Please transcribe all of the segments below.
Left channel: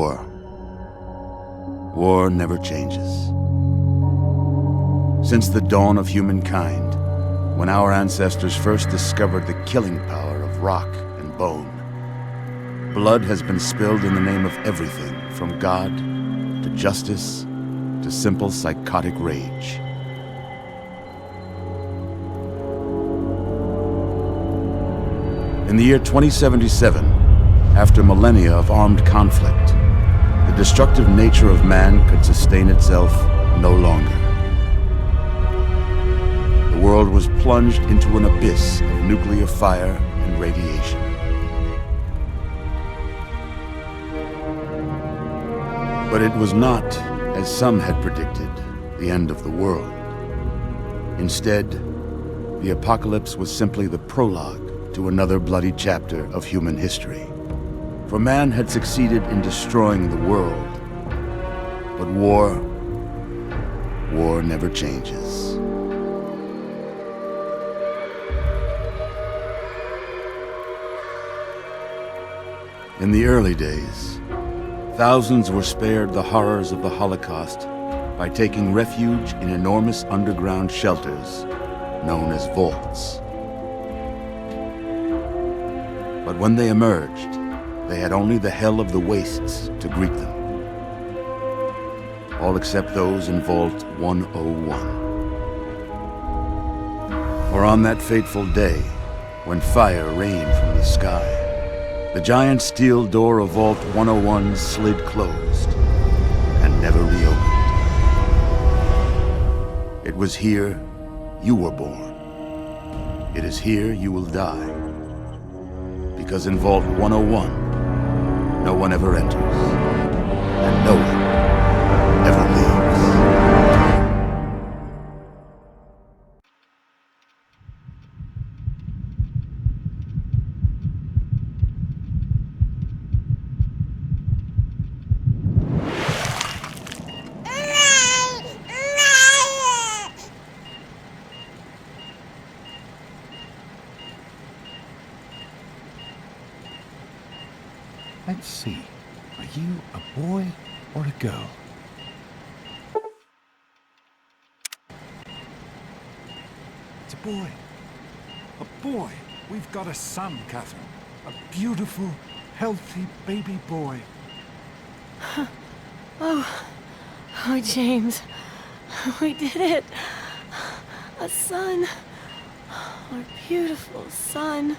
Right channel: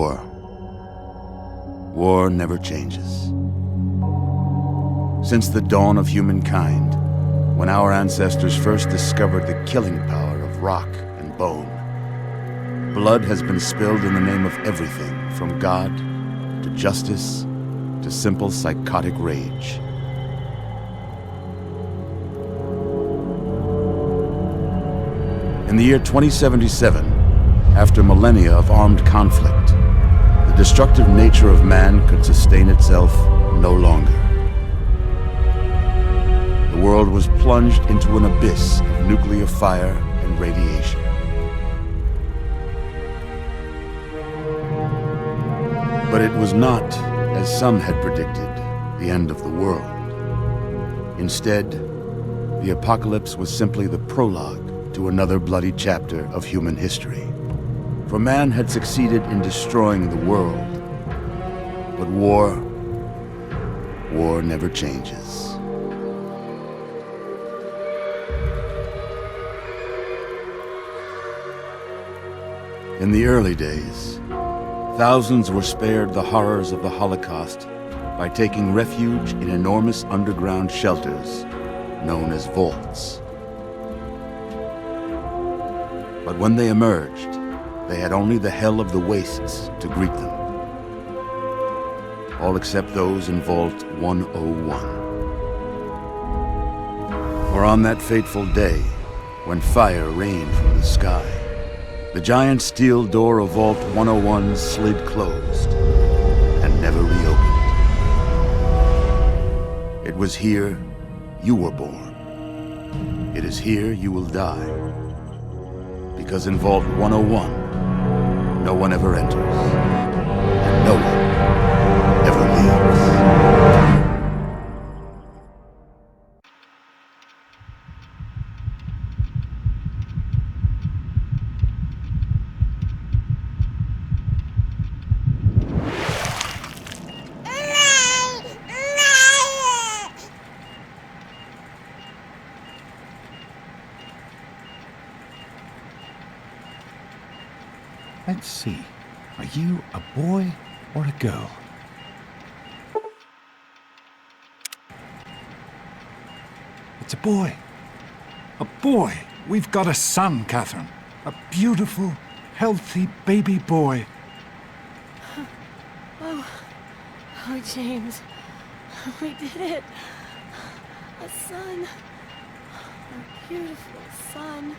war. War never changes. Since the dawn of humankind, when our ancestors first discovered the killing power of rock and bone, blood has been spilled in the name of everything from God to justice to simple psychotic rage. In the year 2077, after millennia of armed conflict, the destructive nature of man could sustain itself no longer. The world was plunged into an abyss of nuclear fire and radiation. But it was not, as some had predicted, the end of the world. Instead, the apocalypse was simply the prologue to another bloody chapter of human history. For man had succeeded in destroying the world, but war never changes. In the early days, thousands were spared the horrors of the Holocaust by taking refuge in enormous underground shelters known as vaults. But when they emerged, they had only the hell of the wastes to greet them. All except those in Vault 101. For on that fateful day, when fire rained from the sky, the giant steel door of Vault 101 slid closed and never reopened. It was here you were born. It is here you will die. Because in Vault 101, no one ever enters, and no one ever leaves. Let's see. Are you a boy or a girl? It's a boy. A boy. We've got a son, Catherine. A beautiful, healthy baby boy. Oh, James. We did it. A son. Our beautiful son.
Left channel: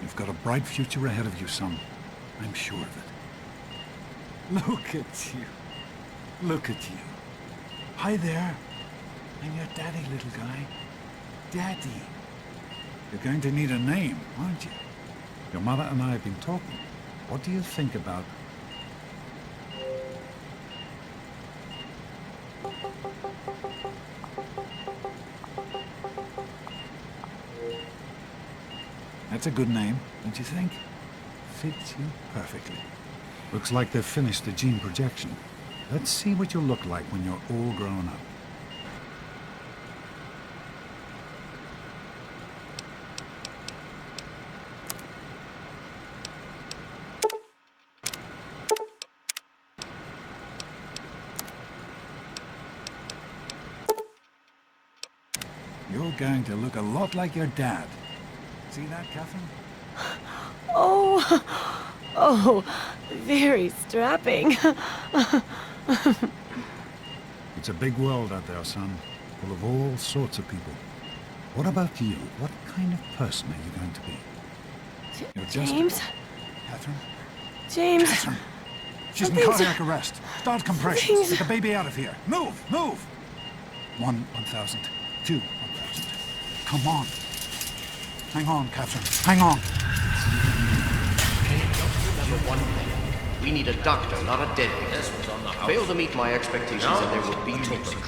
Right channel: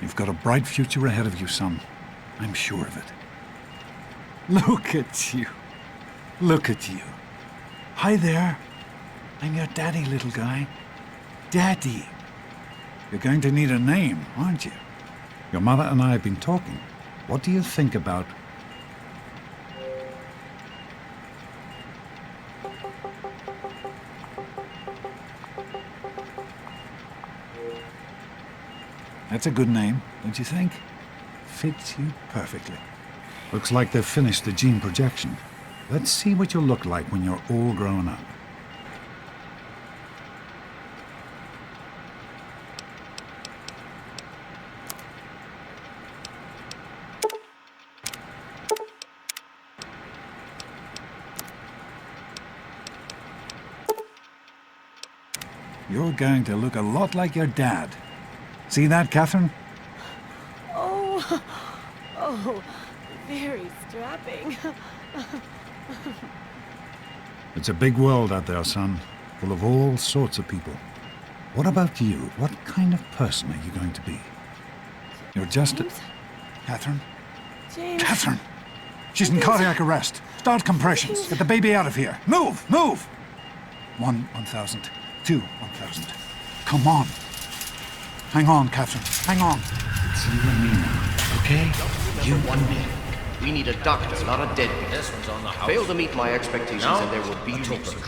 You've got a bright future ahead of you, son. I'm sure of it. Look at you. Look at you. Hi there. I'm your daddy, little guy. Daddy. You're going to need a name, aren't you? Your mother and I have been talking. What do you think about... That's a good name, don't you think? Fits you perfectly. Looks like they've finished the gene projection. Let's see what you'll look like when you're all grown up. You're going to look a lot like your dad. See that, Catherine? Oh, very strapping. It's a big world out there, son, full of all sorts of people. What about you? What kind of person are you going to be? You're just James? Catherine? James? Catherine! She's in cardiac arrest. Start compressions. James. Get the baby out of here. Move! Move! 1,000. 1,000. Come on. Hang on, Catherine. Hang on. Okay? You 1 minute. We need a doctor, not a deadbeat. This one's on the house. Fail to meet my expectations and there will be repercussions.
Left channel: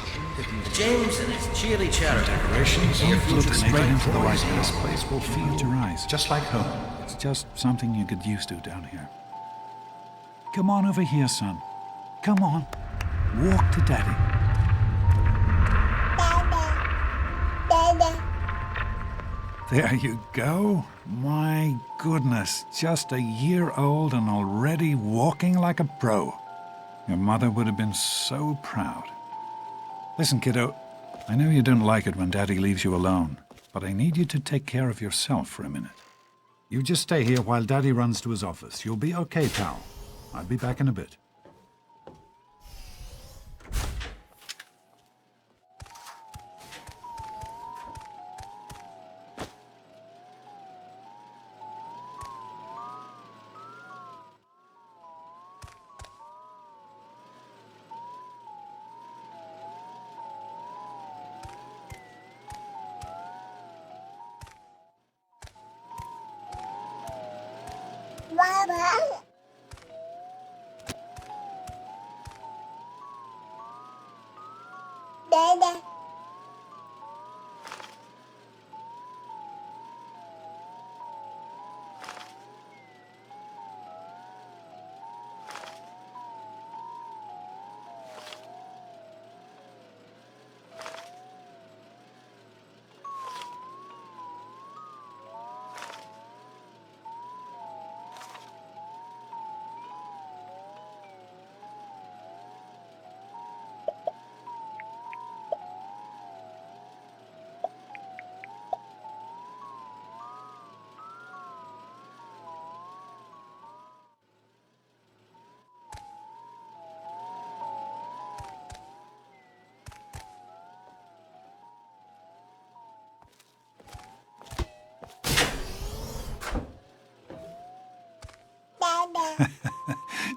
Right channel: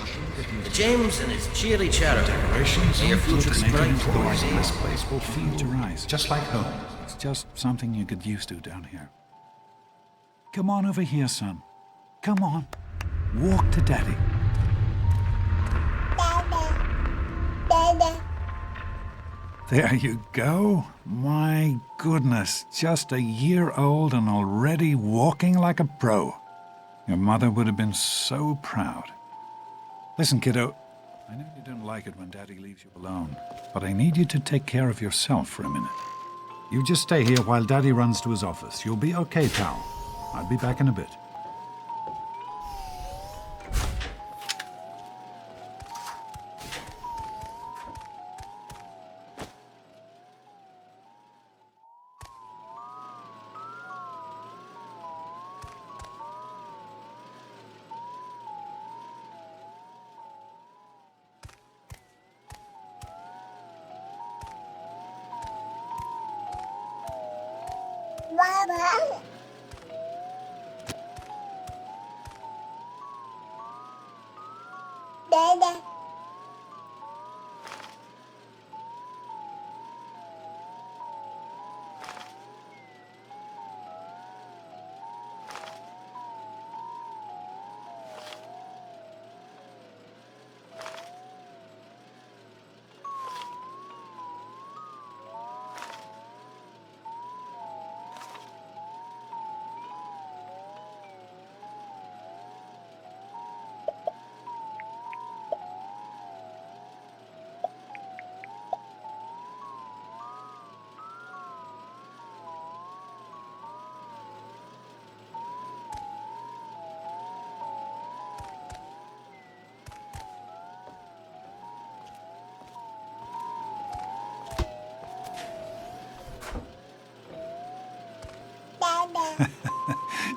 James and his cheerly charity. Decorations. Don't look straight into the light now. Close your eyes. Just like home. It's just something you get used to down here. Come on over here, son. Come on. Walk to Daddy. There you go. My goodness, just a year old and already walking like a pro. Your mother would have been so proud. Listen, kiddo, I know you don't like it when Daddy leaves you alone, but I need you to take care of yourself for a minute. You just stay here while Daddy runs to his office. You'll be okay, pal. I'll be back in a bit.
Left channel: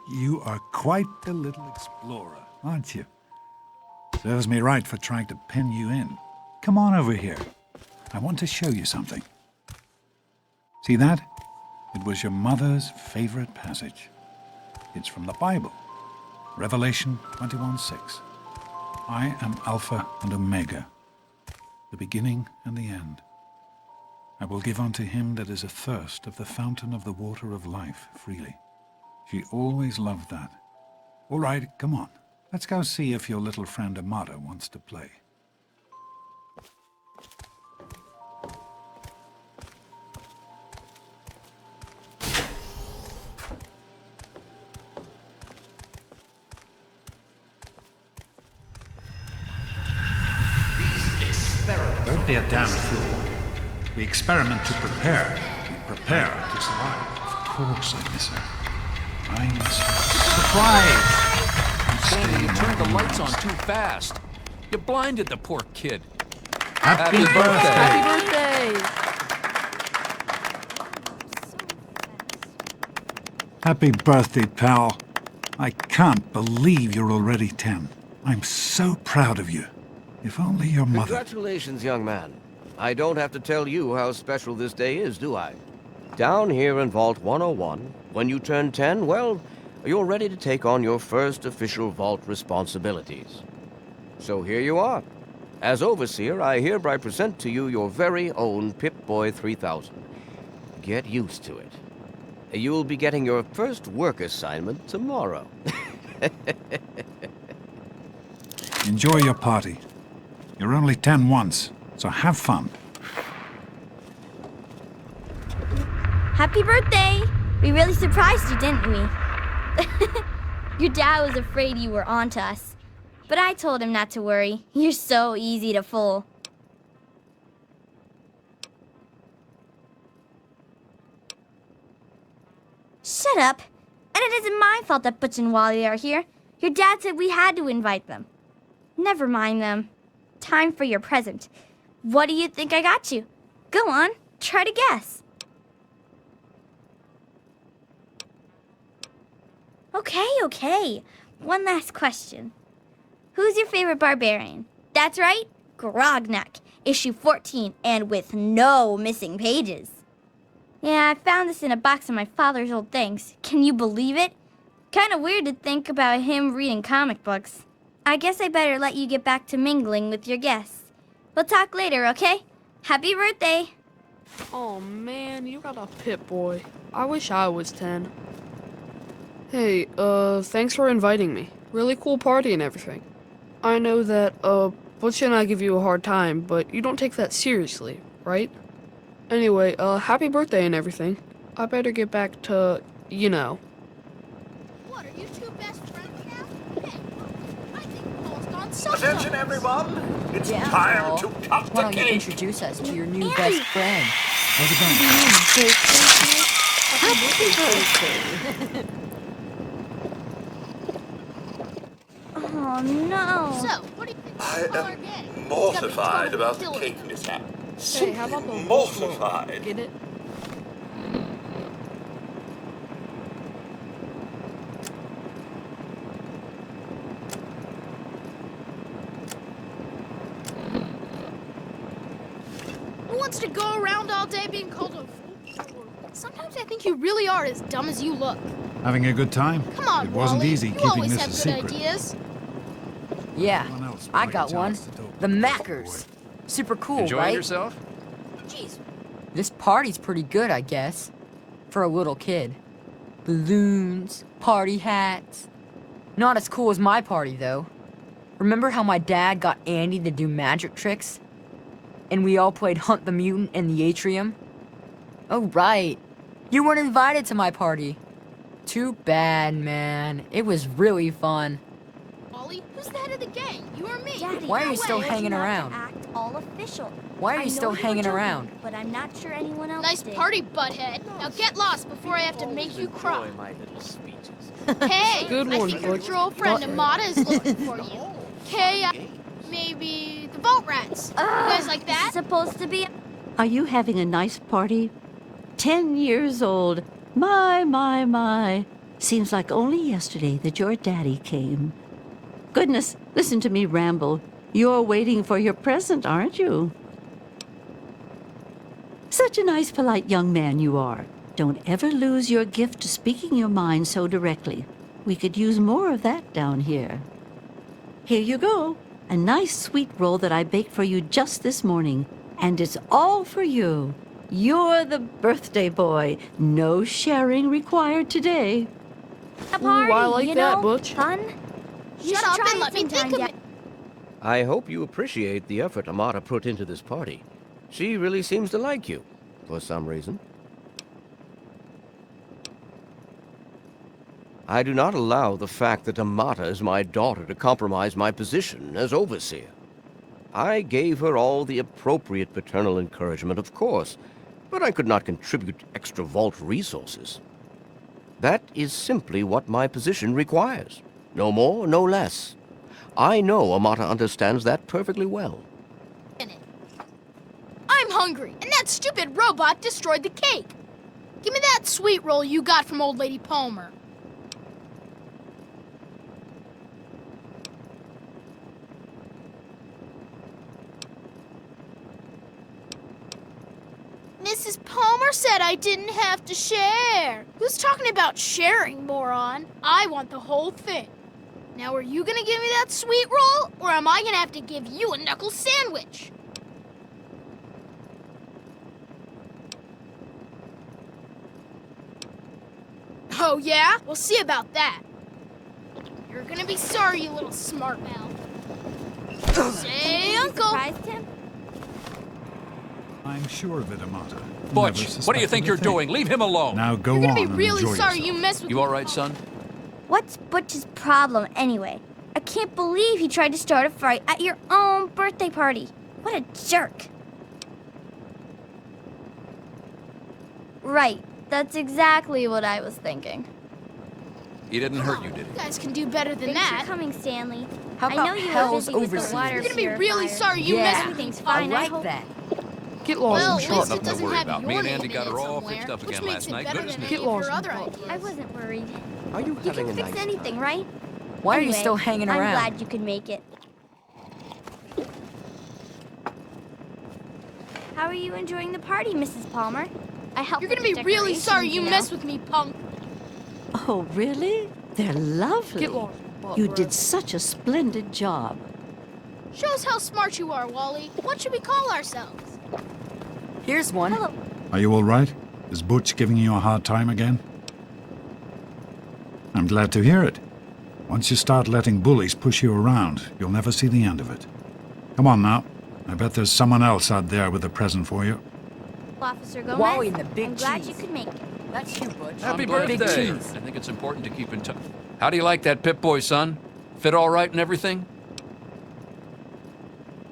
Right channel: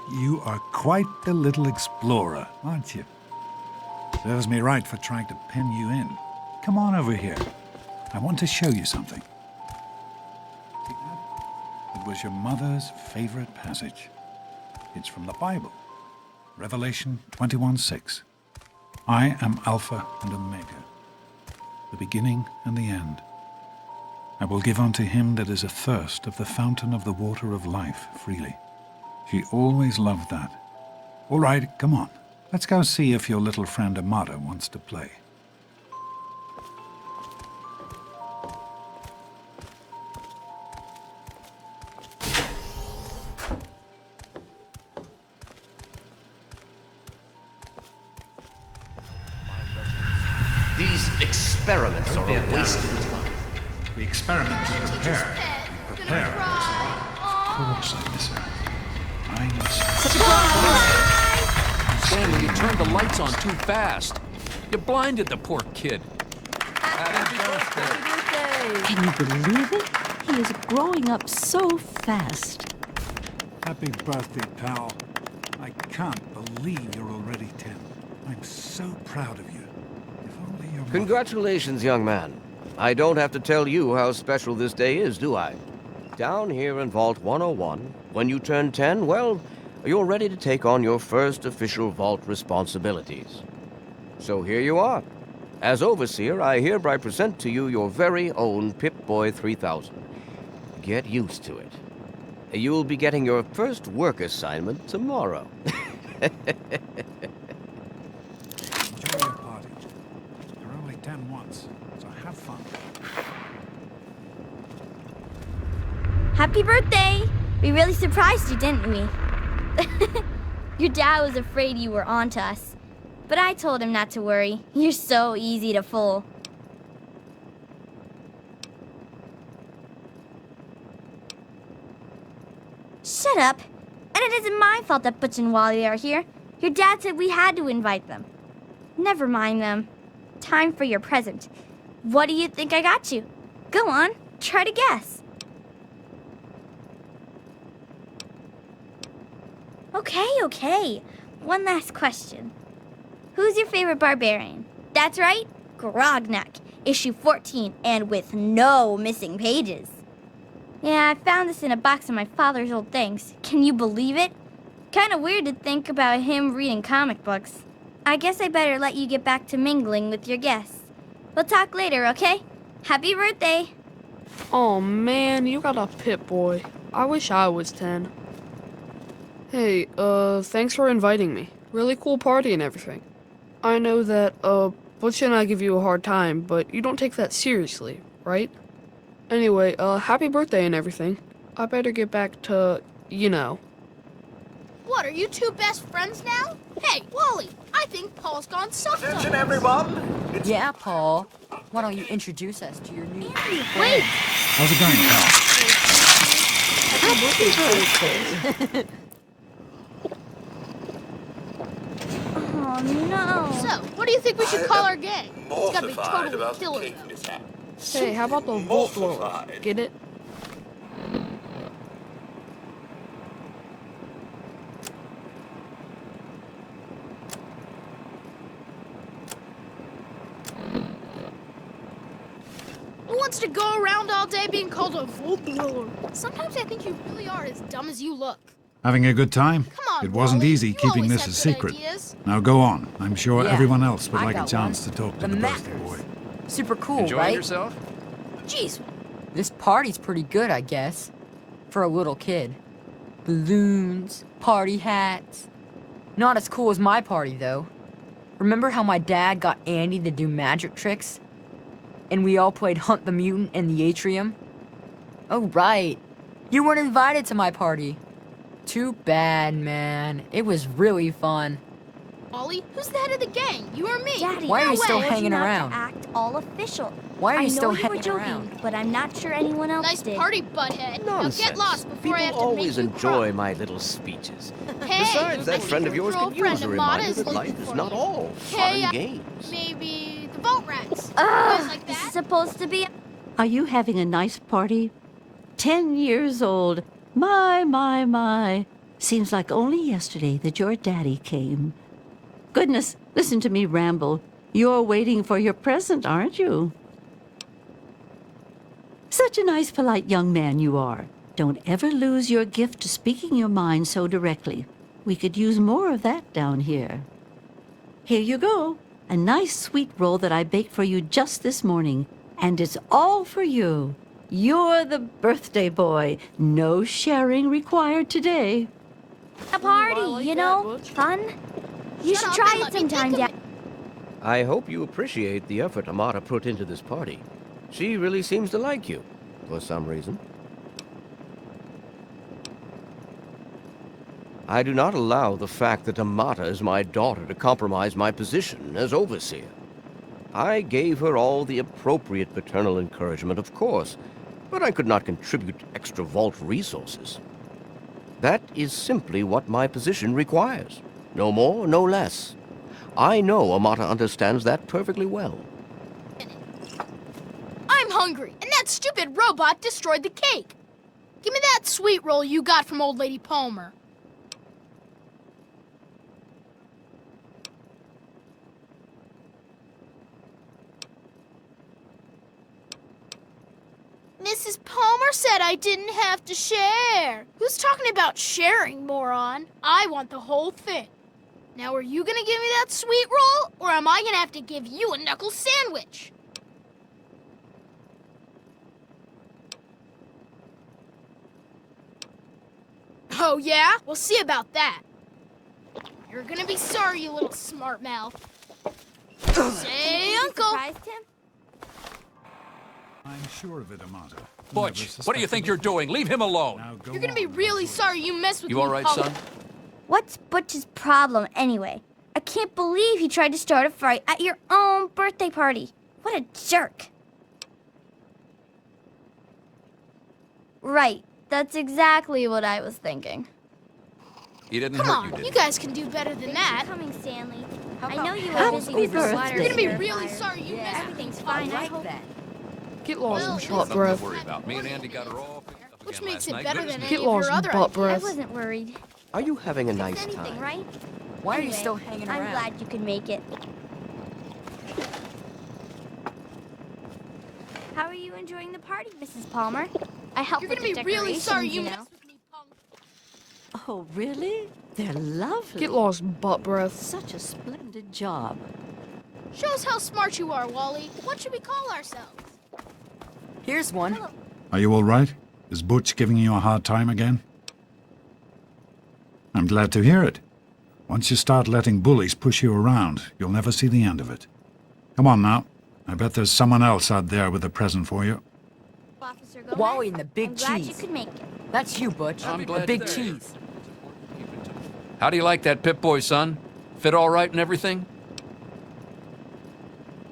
You are quite the little explorer, aren't you? Serves me right for trying to pin... Come on over here. I want to show you something. See that? It was your mother's favorite passage. It's from the Bible. Revelation 21:6. I am Alpha and Omega, the beginning and the end. I will give unto him that is athirst of the fountain of the water of life freely. She always loved that. All right, come on. Let's go see if your little friend Amada wants to play. These experiments Don't be a are damn wasted. fool. We experiment to prepare. We prepare to survive. Of course I miss her. I miss her. Surprise! Stanley, you turned the lights on too fast. You blinded the poor kid. Happy birthday! Happy birthday! Can you believe it? He is growing up so fast. Happy birthday, pal. I can't believe you're already 10. I'm so proud of you. If only your mother... Congratulations, young man. I don't have to tell you how special this day is, do I? Down here in Vault 101, when you turn 10, well, you're ready to take on your first official Vault responsibilities. So here you are. As Overseer, I hereby present to you your very own Pip-Boy 3000. Get used to it. You'll be getting your first work assignment tomorrow. Enjoy your party. You're only 10 once, so have fun. Happy birthday! We really surprised you, didn't we? Your dad was afraid you were onto us, but I told him not to worry. You're so easy to fool. Shut up. And it isn't my fault that Butch and Wally are here. Your dad said we had to invite them. Never mind them. Time for your present. What do you think I got you? Go on, try to guess. Okay. One last question. Who's your favorite barbarian? That's right, Grognak, issue 14, and with no missing pages. Yeah, I found this in a box of my father's old things. Can you believe it? Kinda weird to think about him reading comic books. I guess I better let you get back to mingling with your guests. We'll talk later, okay? Happy birthday! Oh man, you got a Pip-Boy. I wish I was 10. Hey, thanks for inviting me. Really cool party and everything. I know that, Butch and I give you a hard time, but you don't take that seriously, right? Anyway, happy birthday and everything. I better get back to, you know. What, are you two best friends now? Hey, Wally, I think Paul's gone slow. Attention, everyone! It's time to cut the cake! Introduce us to your new Andy, best friend. So, what do you think we should call our gang? Mortified about the cake mishap. Hey, how about the Volt roller? Get it? Who wants to go around all day being called a Volt Dweller? Sometimes I think you really are as dumb as you look. Having a good time? It wasn't easy keeping this a secret. Now go on. I'm sure everyone else would like a chance to talk to The the birthday Mackers. Super cool, right? Jeez, This party's pretty good, I guess. For a little kid. Balloons, party hats. Not as cool as my party, though. Remember how my dad got Andy to do magic tricks? And we all played Hunt the Mutant in the atrium? Oh, right. You weren't invited to my party. Too bad, man. It was really fun. Ollie, who's the head of the gang? You or me? Daddy, Why are no you still way. hanging Not around? Act all official. Why are I you know still were hanging joking, around? But I'm not sure anyone else did. Nonsense. People always enjoy my little speeches. Besides, Good that one, friend of Butch. yours could use a reminder that life is not all fun and games. Vault rats. You guys like that? Supposed to be. Are you having a nice party? 10 years old. My. Seems like only yesterday that your daddy came. Goodness, listen to me ramble. You're waiting for your present, aren't you? Such a nice, polite young man you are. Don't ever lose your gift to speaking your mind so directly. We could use more of that down here. Here you go. A nice sweet roll that I baked for you just this morning. And it's all for you. You're the birthday boy. No sharing required today. Ooh, I like that, Butch. You should try it sometime, Dad. I hope you appreciate the effort Amata put into this party. She really seems to like you, for some reason. I do not allow the fact that Amata is my daughter to compromise my position as overseer. I gave her all the appropriate paternal encouragement, of course, but I could not contribute extra vault resources. That is simply what my position requires. No more, no less. I know Amata understands that perfectly well. I'm hungry, and that stupid robot destroyed the cake. Give me that sweet roll you got from old lady Palmer. Mrs. Palmer said I didn't have to share. Who's talking about sharing, moron? I want the whole thing. Now, are you gonna give me that sweet roll, or am I gonna have to give you a knuckle sandwich? Oh, yeah? We'll see about that. You're gonna be sorry, you little smart mouth. Say, Uncle! Surprised him? I'm sure of it, Amata. Butch, Never what do you suspected think a you're thing. doing? Leave him alone. Now go You're gonna on be and really enjoy sorry yourself. you messed with me, punk. What's Butch's problem anyway? I can't believe he tried to start a fight at your own birthday party. What a jerk. Right. That's exactly what I was thinking. Come on, you guys can do better than that. Coming, Stanley. How I about know you Hell's Happy Oversight? You're gonna be really sorry you Yeah, messed with me, I punk. like that. Get Well, lost, at butt least it breath. doesn't have About your me and name Andy in got it her all somewhere, fixed up which again makes last it night. better Good as than new. any Get of your lost, other butt ideas. breath. I wasn't worried. You can fix anything, right? Why are you Anyway, still hanging I'm around? glad you could make it. How are you enjoying the party, Mrs. Palmer? I helped You're with gonna the be really decorations, sorry you know. messed with me, punk. Oh, really? They're lovely. Get lost, butt You breath. did such a splendid job. Shows how smart you are. What should we call ourselves? Here's one. Hello. Are you all right? Is Butch giving you a hard time again? I'm glad to hear it. Once you start letting bullies push you around, you'll never see the end of it. Come on now. I bet there's someone else out there with a present for you. Officer Gomez? Jeez. That's you, Butch. Happy birthday! I think it's important to keep in touch. How do you like that Pip-Boy, son? Fit all right and everything?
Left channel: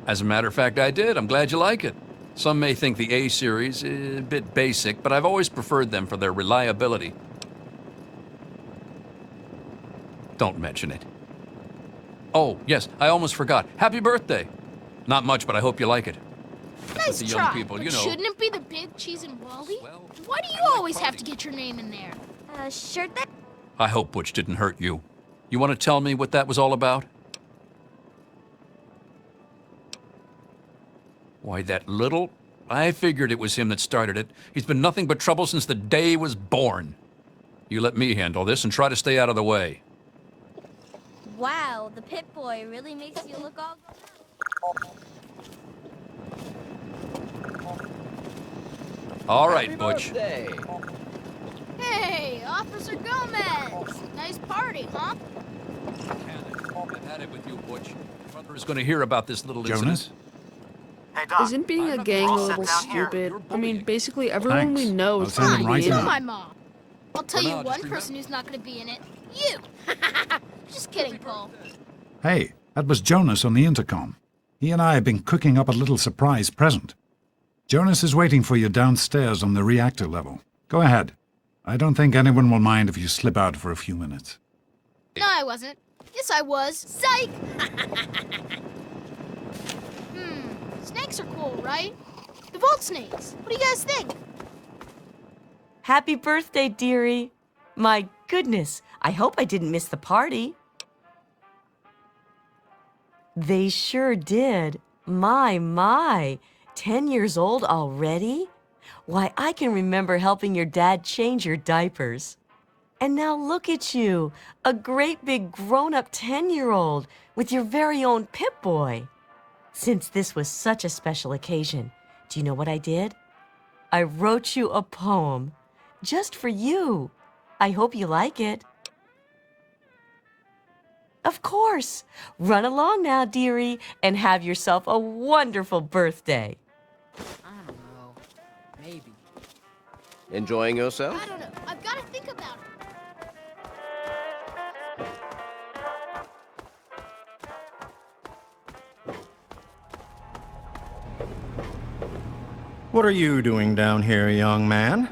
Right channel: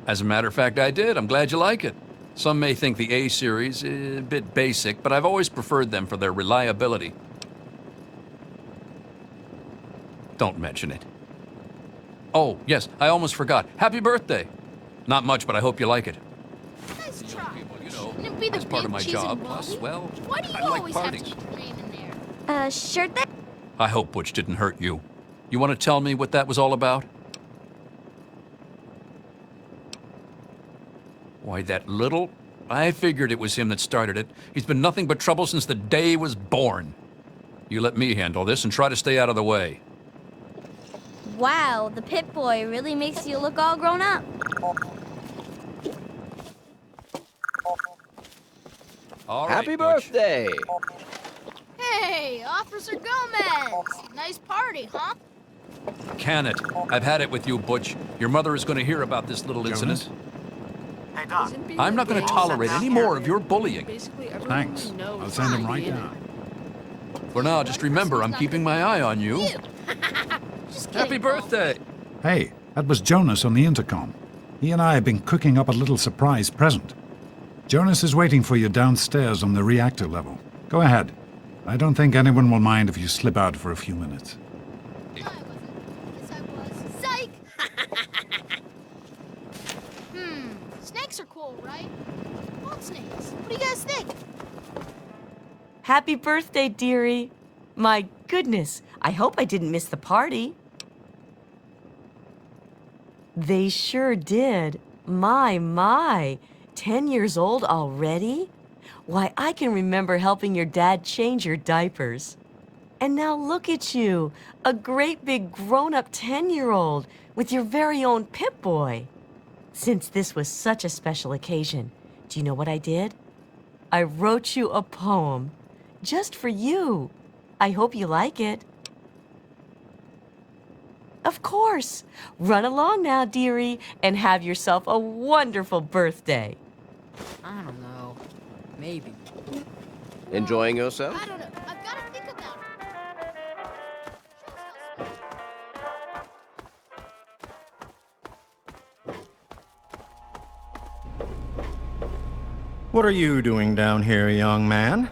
As a matter of fact, I did. I'm glad you like it. Some may think the A-series is a bit basic, but I've always preferred them for their reliability. Don't mention it. Oh, yes, I almost forgot. Happy birthday! Not much, but I hope you like it. Nice The try. young people, you know, Shouldn't it be the that's part of big my cheese job. and Plus, Wally? well, Why do you I like always have to parties. get your name in there? Sure thing. I hope Butch didn't hurt you. You want to tell me what that was all about? Why, that little... I figured it was him that started it. He's been nothing but trouble since the day he was born. You let me handle this and try to stay out of the way. Wow, the Pip-Boy really makes you look all grown up. All right, Happy Butch. birthday. Hey, Officer Gomez. Nice party, huh? Can it? I've had it with you, Butch. Your mother is going to hear about this little Jonas? incident. Hey, Doc. Isn't being I'm a not gonna gang tolerate so any more of stupid? your I mean, bullying. basically, everyone Thanks. we know I'll is send him fine. right You're now. my mom. I'll tell For you now, one just person remember, who's I'm not keeping gonna my be eye on you. You. Just kidding, Happy Paul. birthday. Hey, that was Jonas on the intercom. He and I have been cooking up a little surprise present. Jonas is waiting for you downstairs on the reactor level. Go ahead. I don't think anyone will mind if you slip out for a few minutes. No, I wasn't. Yes, I was. Psych! Snakes are cool, right? The vault snakes. What do you guys think? Happy birthday, dearie. My goodness, I hope I didn't miss the party. They sure did. My. 10 years old already? Why, I can remember helping your dad change your diapers. And now look at you, a great big grown-up 10-year-old with your very own Pip-Boy. Since this was such a special occasion, do you know what I did? I wrote you a poem, just for you. I hope you like it. Of course. Run along now, dearie, and have yourself a wonderful birthday. I don't know. Maybe. Enjoying the What are you doing down here, young man?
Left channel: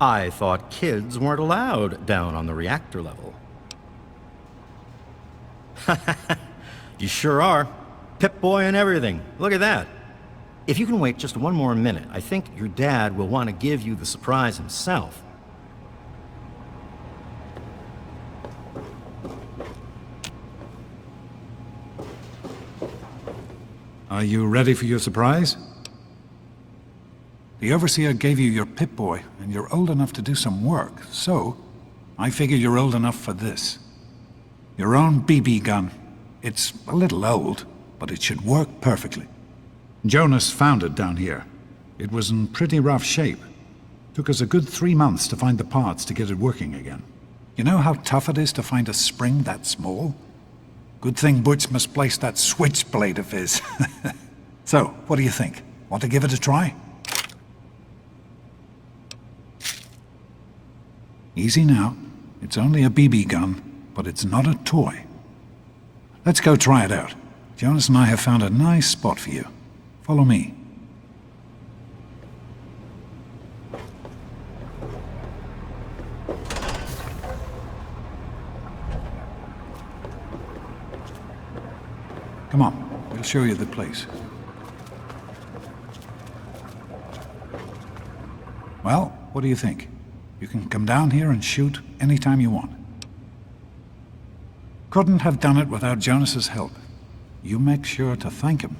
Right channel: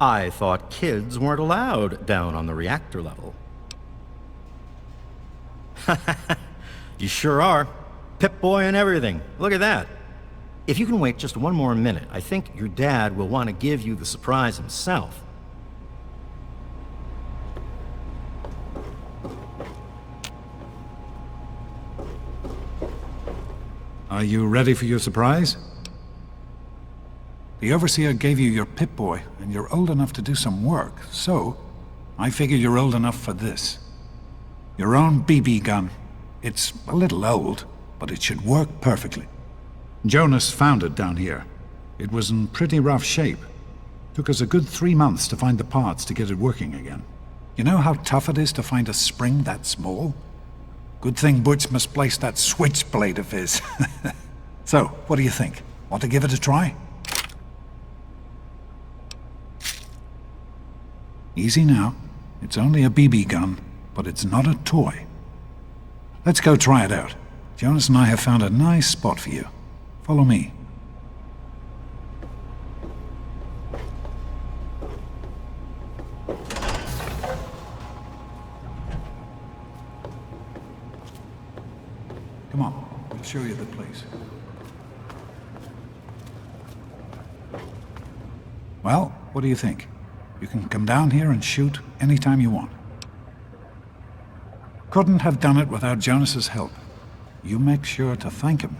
I thought kids weren't allowed down on the reactor level. You sure are. Pip-Boy and everything. Look at that. If you can wait just one more minute, I think your dad will want to give you the surprise himself. Are you ready for your surprise? The Overseer gave you your Pip-Boy, and you're old enough to do some work, so I figure you're old enough for this. Your own BB gun. It's a little old, but it should work perfectly. Jonas found it down here. It was in pretty rough shape. Took us a good 3 months to find the parts to get it working again. You know how tough it is to find a spring that small? Good thing Butch misplaced that switchblade of his. So, what do you think? Want to give it a try? Easy now. It's only a BB gun, but it's not a toy. Let's go try it out. Jonas and I have found a nice spot for you. Follow me. Come on, we'll show you the place. Well, what do you think? You can come down here and shoot anytime you want. Couldn't have done it without Jonas's help. You make sure to thank him.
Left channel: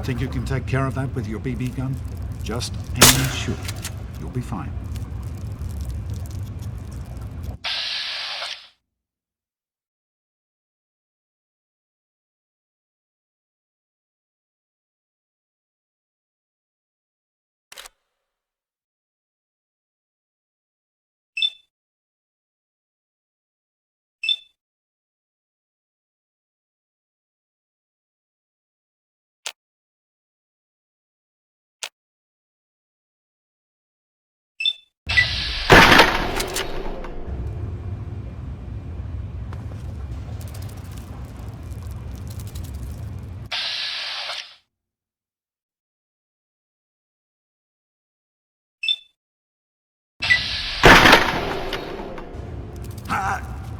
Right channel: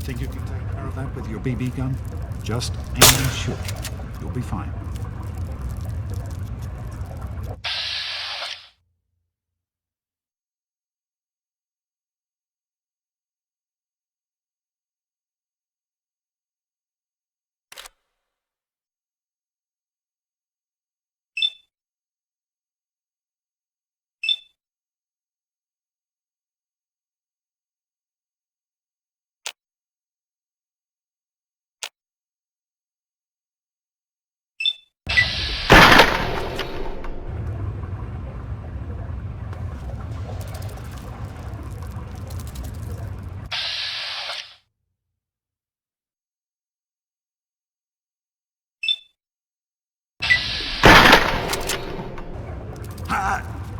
Think you can take care of that with your BB gun? Just aim and shoot. You'll be fine.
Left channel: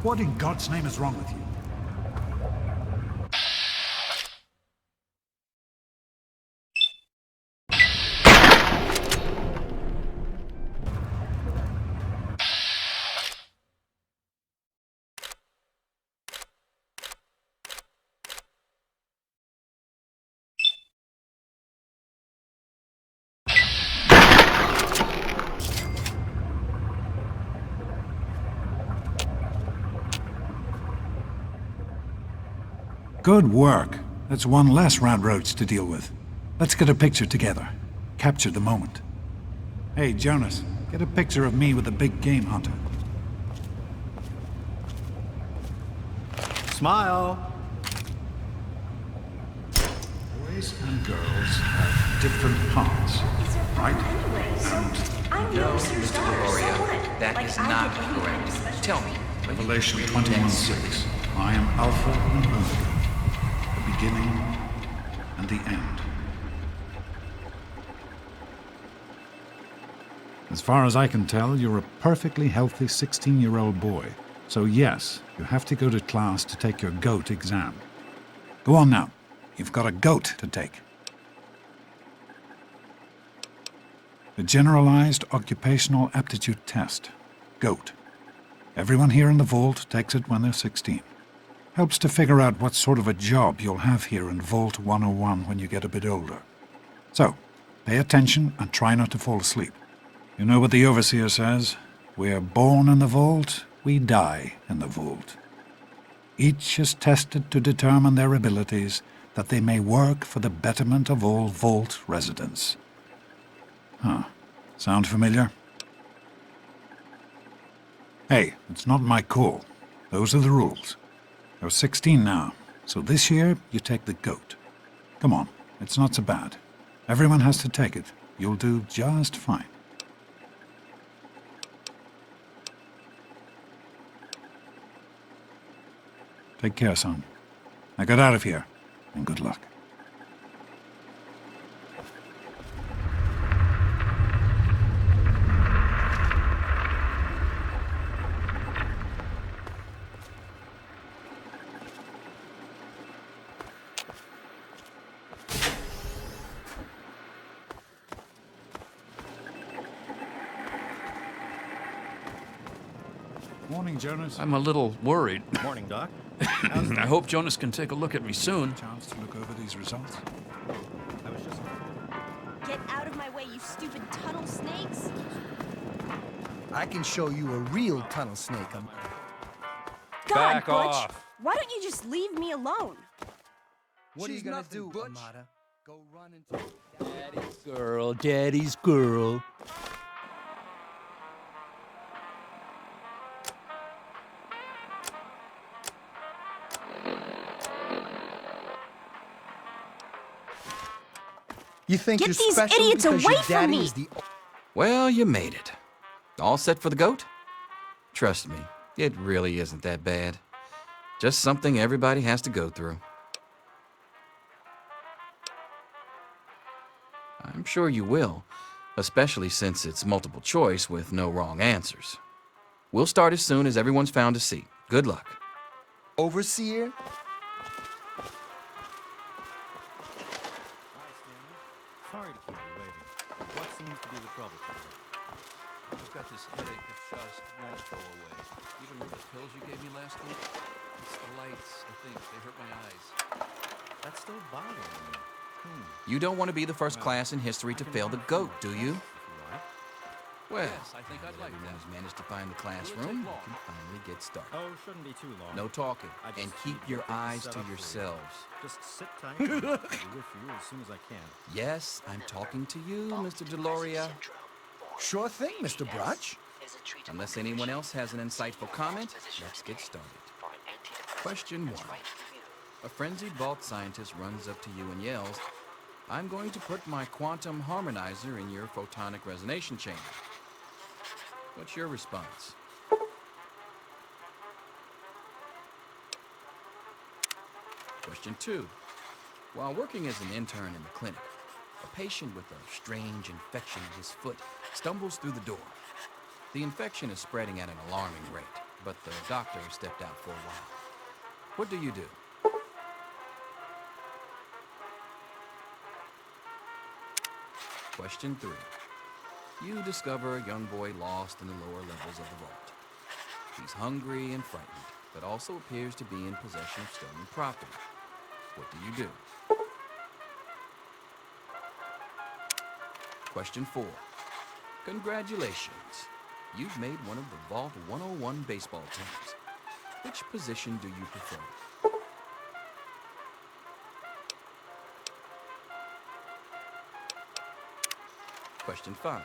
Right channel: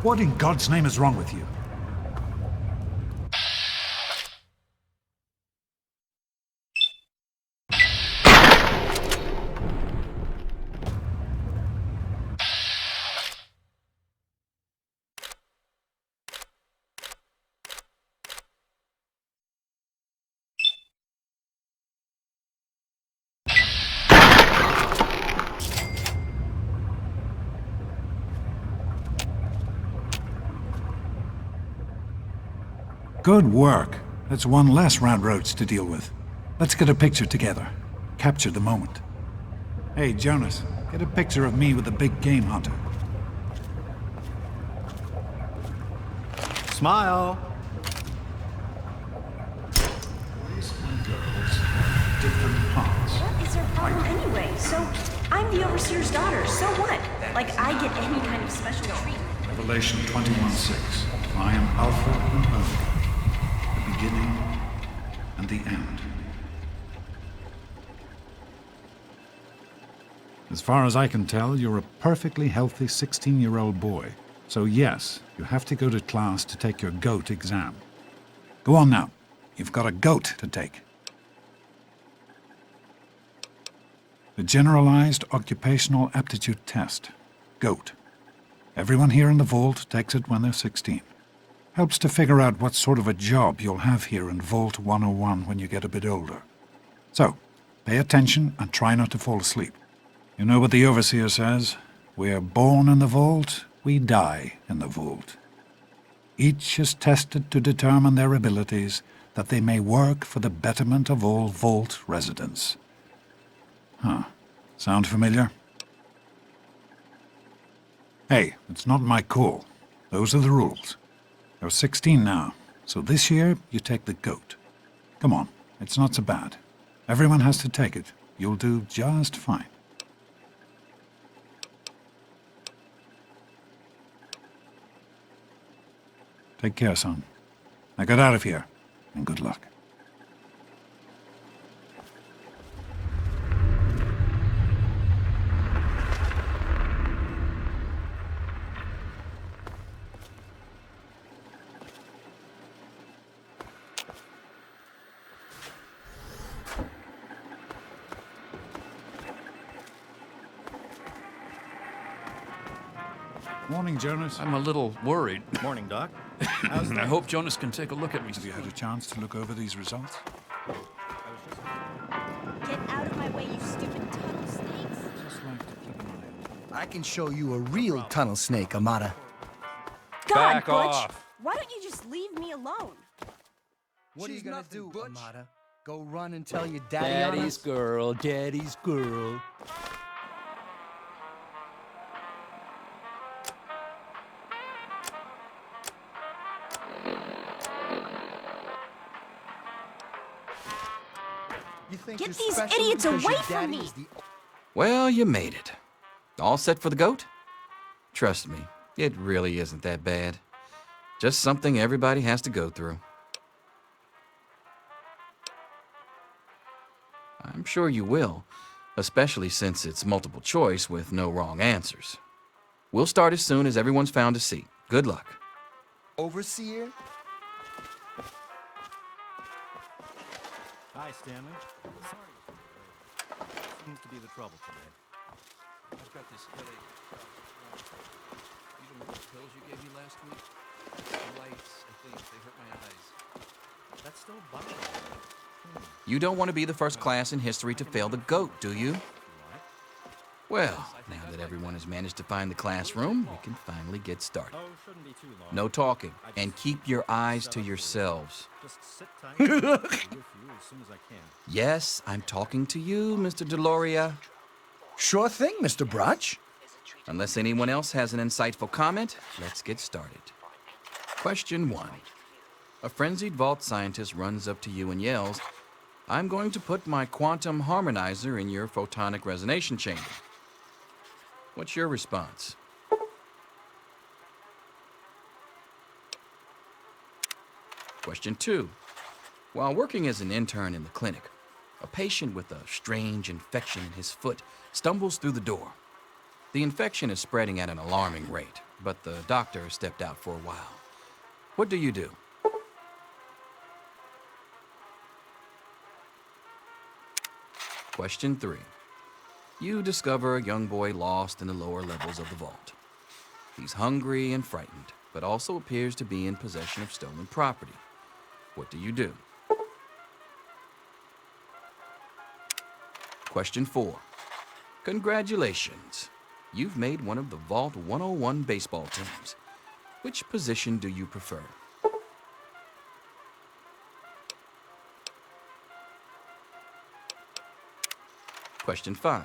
What in God's name is wrong with you? Good work. That's one less round roads to deal with. Let's get a picture together. Capture the moment. Hey, Jonas, get a picture of me with the big game hunter. Smile. Boys and girls have different parts. What is her problem anyway? So, I'm the overseer's daughter, so what? Like, I get any kind of special treatment. Revelation 21:6. I am Alpha and Omega, the beginning and the end. As far as I can tell, you're a perfectly healthy 16-year-old boy. So yes, you have to go to class to take your GOAT exam. Go on now. You've got a GOAT to take. The Generalized Occupational Aptitude Test. GOAT. Everyone here in the Vault takes it when they're 16. Helps to figure out what sort of a job you'll have here in Vault 101 when you get a bit older. So, pay attention and try not to fall asleep. You know what the Overseer says? We're born in the Vault, we die in the Vault. Each is tested to determine their abilities, that they may work for the betterment of all Vault residents. Huh. Sound familiar? Hey, it's not my call. Those are the rules. You're 16 now, so this year you take the GOAT. Come on, it's not so bad. Everyone has to take it. You'll do just fine. Take care, son. Now get out of here, and good luck. I'm a little worried. I hope Jonas can take a look at me soon. I can show you a real tunnel snake, Amata. God, Butch, why don't you just leave me alone? What are you gonna do, Amata? Go run and tell your daddy on Daddy's us? girl, daddy's girl. You think Get you're these special idiots because away your from daddy me. is the... Well, you made it. All set for the GOAT? Trust me, it really isn't that bad. Just something everybody has to go through. I'm sure you will, especially since it's multiple choice with no wrong answers. We'll start as soon as everyone's found a seat. Good luck. Overseer? Hi, Stanley. Sorry to keep you waiting. You don't want to be the first class in history to fail the GOAT, do you? Well, now that everyone has managed to find the classroom, we can finally get started. No talking, and keep your eyes to yourselves. Yes, I'm talking to you, Mr. Deloria. Sure thing, Mr. Brotch. Unless anyone else has an insightful comment, let's get started. Question 1. A frenzied vault scientist runs up to you and yells, "I'm going to put my quantum harmonizer in your photonic resonation chamber." What's your response? Question 2. While working as an intern in the clinic, a patient with a strange infection in his foot stumbles through the door. The infection is spreading at an alarming rate. but the doctor stepped out for a while. What do you do? Question 3. You discover a young boy lost in the lower levels of the vault. He's hungry and frightened, but also appears to be in possession of stolen property. What do you do? Question 4. Congratulations. You've made one of the Vault 101 baseball teams. Which position do you prefer? Question 5.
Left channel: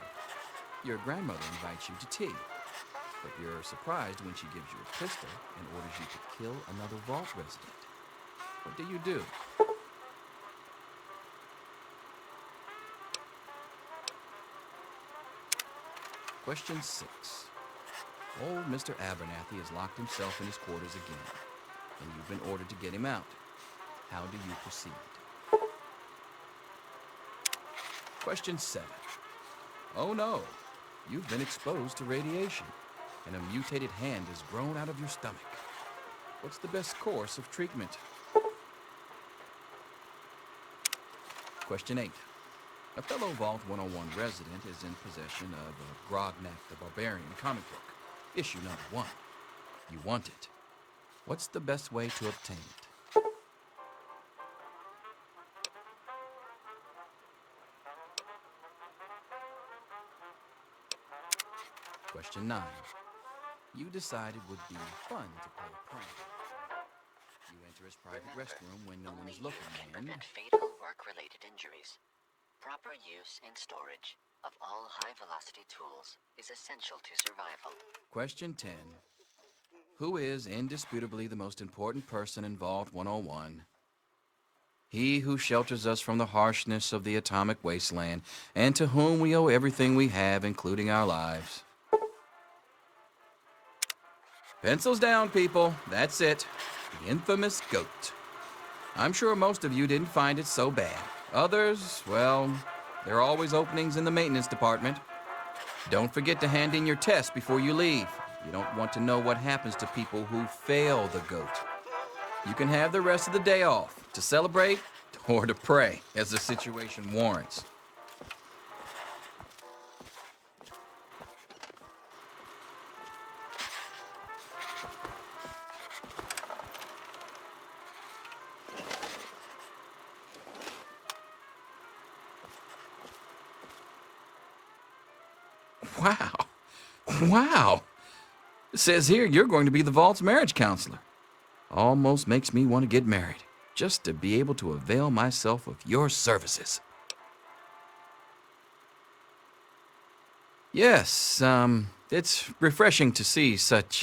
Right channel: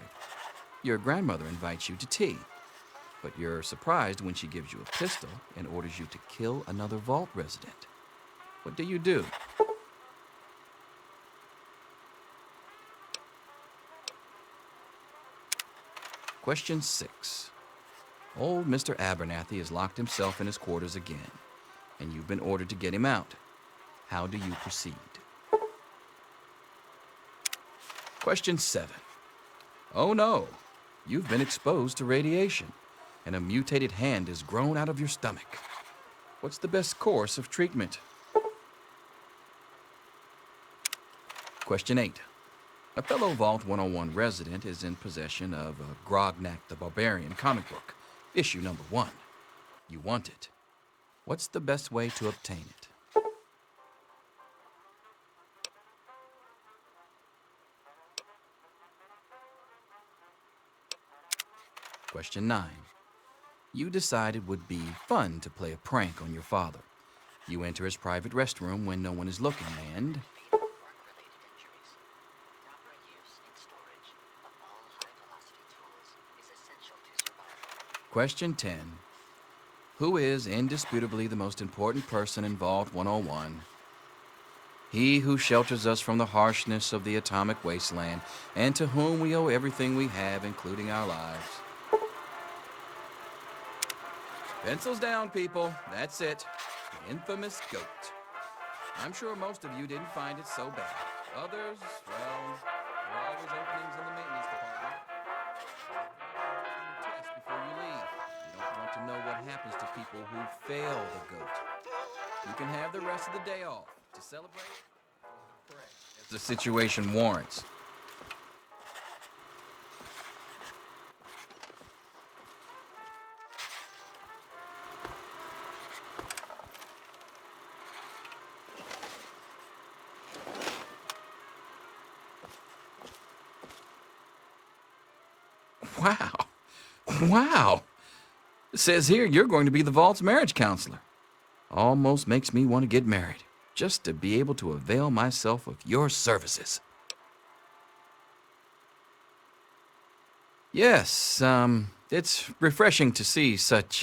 Your grandmother invites you to tea, but you're surprised when she gives you a pistol and orders you to kill another Vault resident. What do you do? Question 6. Old Mr. Abernathy has locked himself in his quarters again, and you've been ordered to get him out. How do you proceed? Question 7. Oh no, you've been exposed to radiation, and a mutated hand has grown out of your stomach. What's the best course of treatment? Question 8. A fellow Vault 101 resident is in possession of a Grognak the Barbarian comic book, issue number 1. You want it. What's the best way to obtain it? Question 9. You decide it would be fun to play a prank on your father. You enter his private restroom when no one is looking and... fatal work-related injuries. Proper use and storage of all high-velocity tools is essential to survival. Question 10. Who is indisputably the most important person in Vault 101? He who shelters us from the harshness of the atomic bomb, and to whom we owe everything we have, including our lives. Pencils down, people. That's it. The infamous goat. I'm sure most of you didn't find it so bad. Others, well, there are always openings in the maintenance department. Don't forget to hand in your test before you leave. You don't want to know what happens to people who fail the goat. You can have the rest of the day off to celebrate or to pray, as the situation warrants. Wow. Wow. It says here you're going to be the Vault's marriage counselor. Almost makes me want to get married, just to be able to avail myself of your services. Yes, it's refreshing to see such,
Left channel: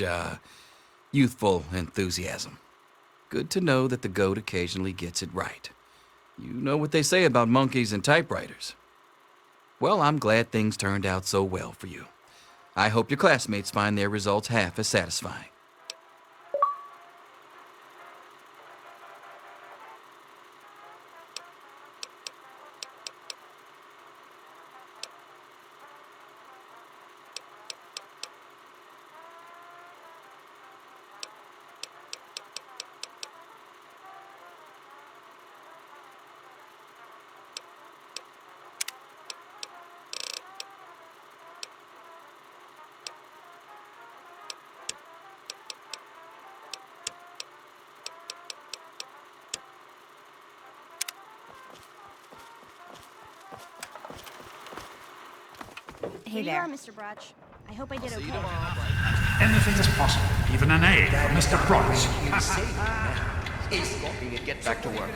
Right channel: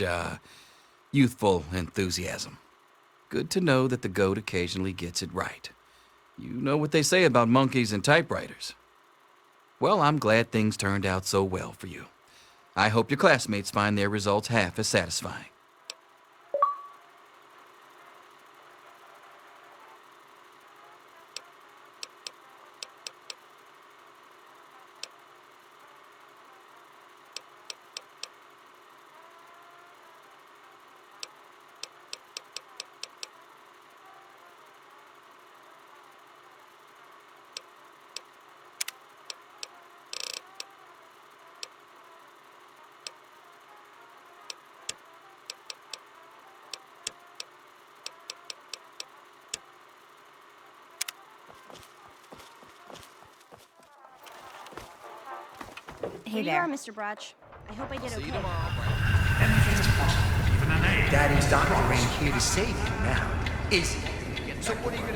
youthful enthusiasm. Good to know that the goat occasionally gets it right. You know what they say about monkeys and typewriters. Well, I'm glad things turned out so well for you. I hope your classmates find their results half as satisfying. Mr. Brudge. Anything is possible, even an A. Mr. Brudge here to save you now. Is to get back to work.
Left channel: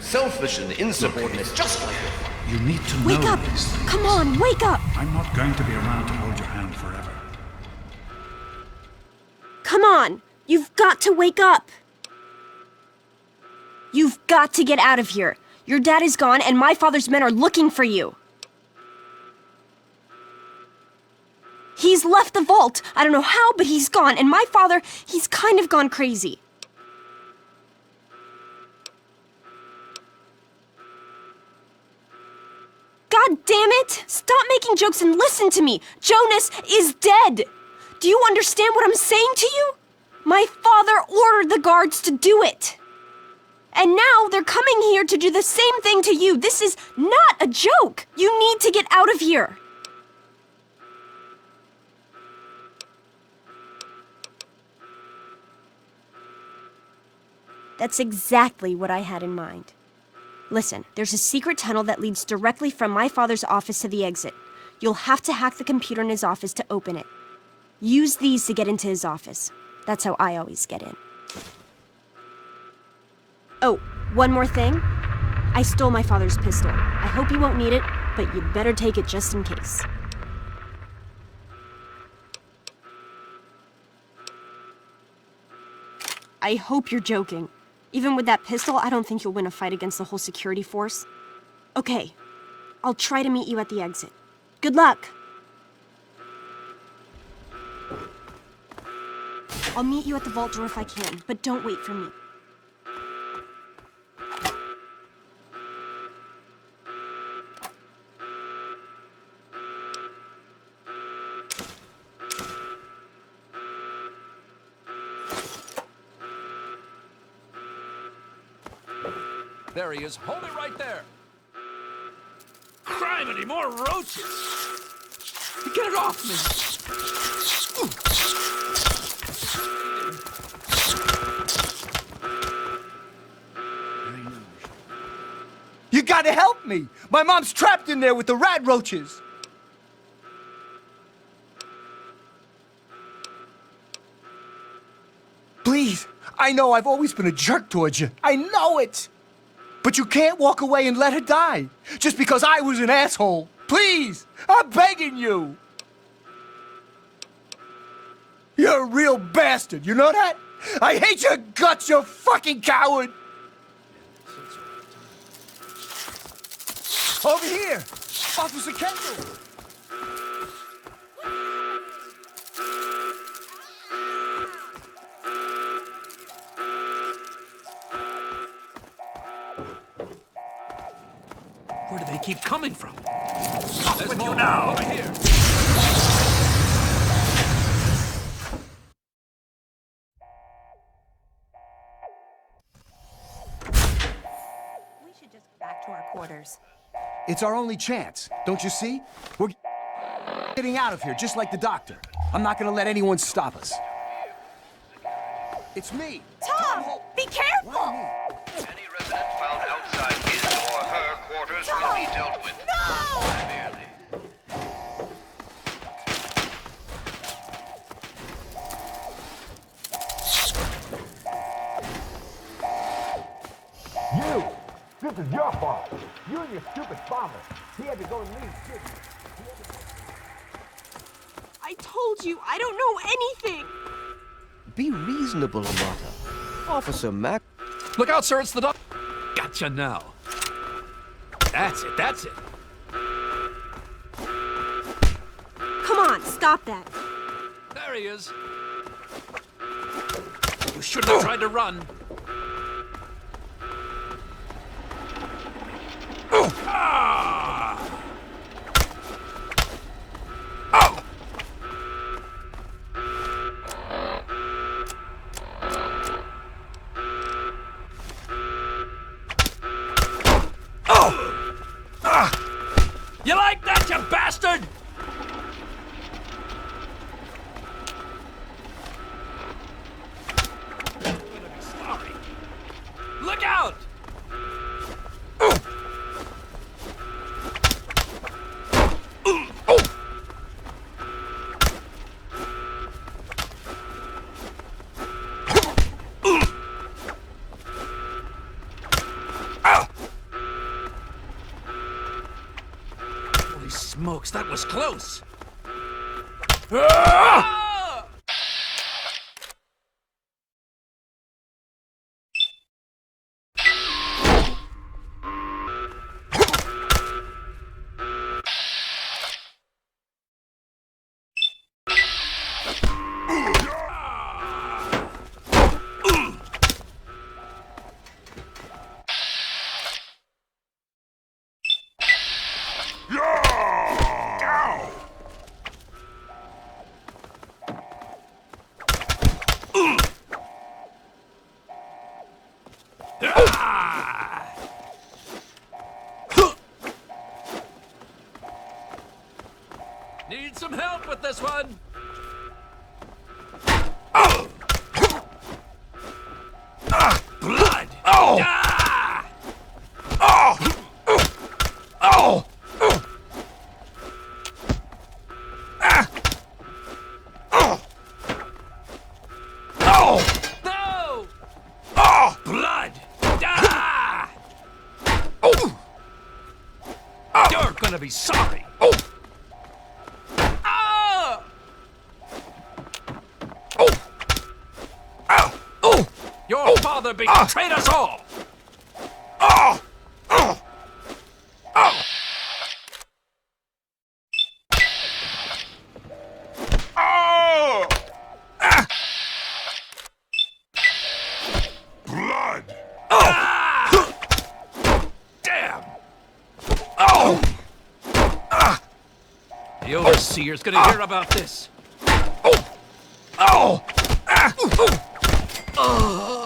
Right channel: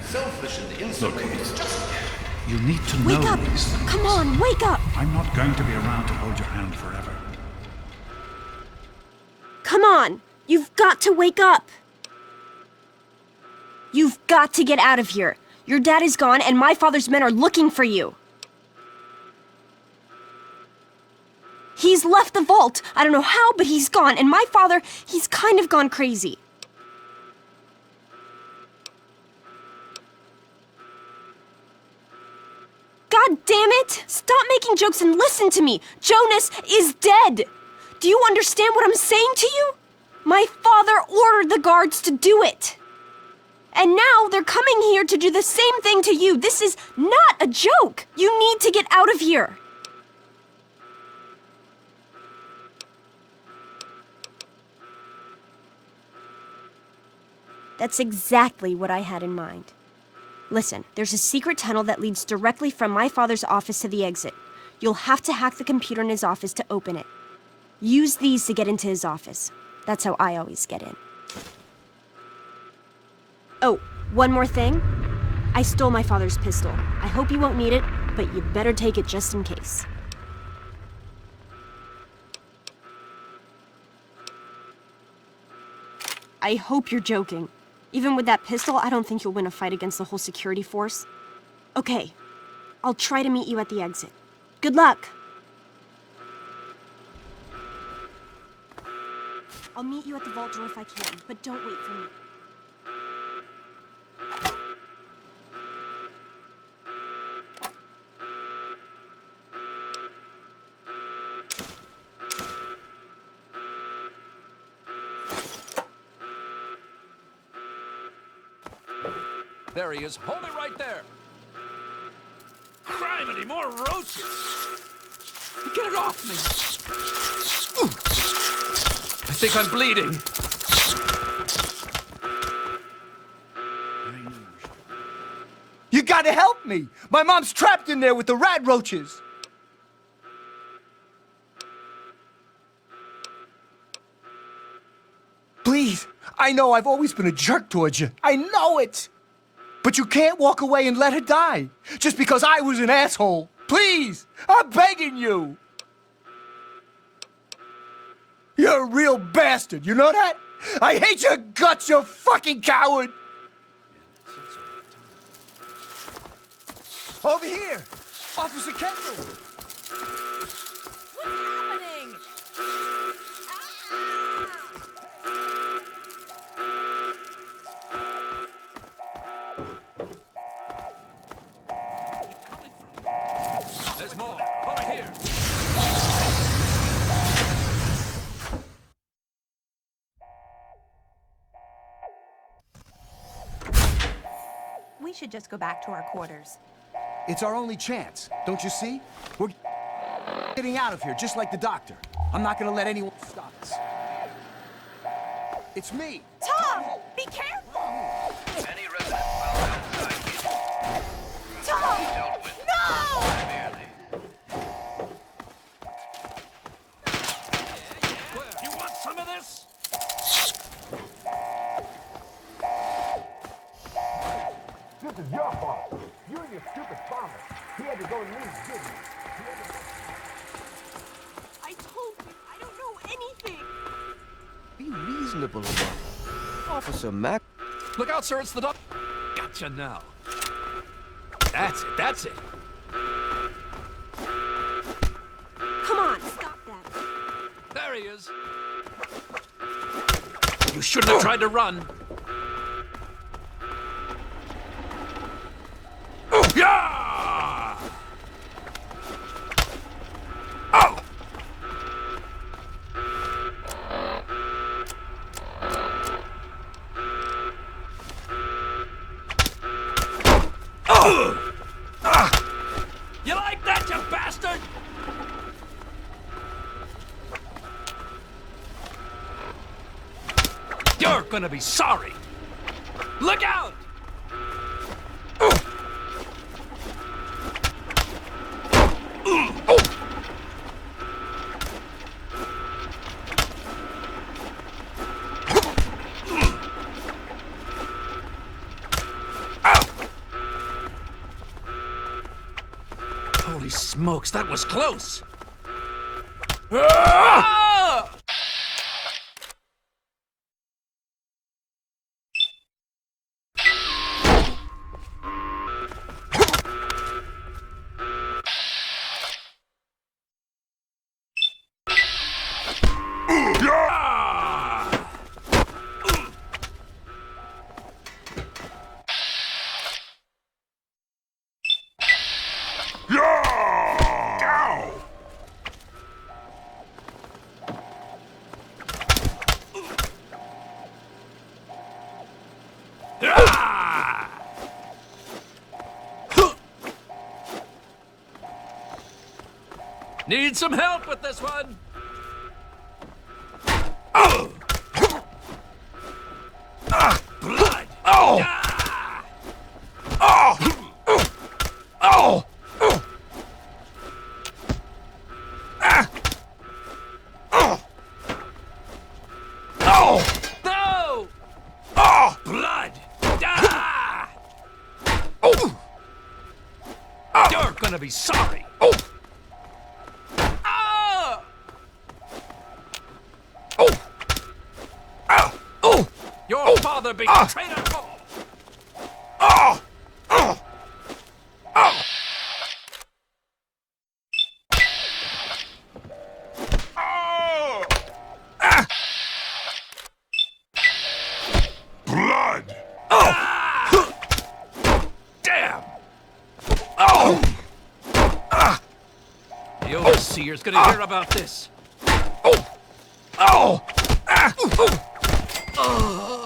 Selfish and insubordinate, just You need to Wake know up! these things. Come on, wake up! I'm not going to be around to hold your hand forever. Come on! You've got to wake up! You've got to get out of here. Your dad is gone and my father's men are looking for you. He's left the vault. I don't know how, but he's gone. And my father, he's kind of gone crazy. God damn it! Stop making jokes and listen to me! Jonas is dead! Do you understand what I'm saying to you? My father ordered the guards to do it. And now they're coming here to do the same thing to you. This is not a joke. You need to get out of here. That's exactly what I had in mind. Listen, there's a secret tunnel that leads directly from my father's office to the exit. You'll have to hack the computer in his office to open it. Use these to get into his office. That's how I always get in. Oh, one more thing. I stole my father's pistol. I hope you won't need it, but you'd better take it just in case. I hope you're joking. Even with that pistol, I don't think you'll win a fight against the whole security force. Okay, I'll try to meet you at the exit. Good luck! I'll meet you at the vault door if I can, but don't wait for me. Criminy, more roaches! Get it off me! Ooh. I think I'm bleeding. You gotta help me! My mom's trapped in there with the rat roaches! Please, I know I've always been a jerk towards you. I know it! But you can't walk away and let her die, just because I was an asshole. Please, I'm begging you. You're a real bastard, you know that? I hate your guts, you fucking coward! Over here! Where do they keep coming from? Off with you now! We should just go back to our quarters. It's our only chance, don't you see? We're getting out of here, just like the doctor. I'm not gonna let anyone stop us. Be careful! Any resident found outside his or her quarters will be dealt with. You want some of this? You! This is your fault. You and your stupid father. I told you, I don't know anything! Be reasonable, Amata. Officer Mac. Look out, sir, it's the dog. Gotcha now. That's it, that's it. Come on, stop that. There he is. You shouldn't have tried to run. Yeah! Oh! Oh! You like that, you bastard? You're gonna be sorry. Look out! Holy smokes, that was close! Ah! Ow! Need some help with this one? Blood! Oh! Ah! Oh! Oh! Oh! No! Oh! Blood! Ah! Oh! You're gonna be sorry! Oh! Ah! Oh! Ow! Oh! Your father betrayed us all! Oh! Oh! Oh! Oh! Ah! Blood! Ah! Damn! Oh! The overseer's gonna hear about this. Oh! Oh! Ah! Oh.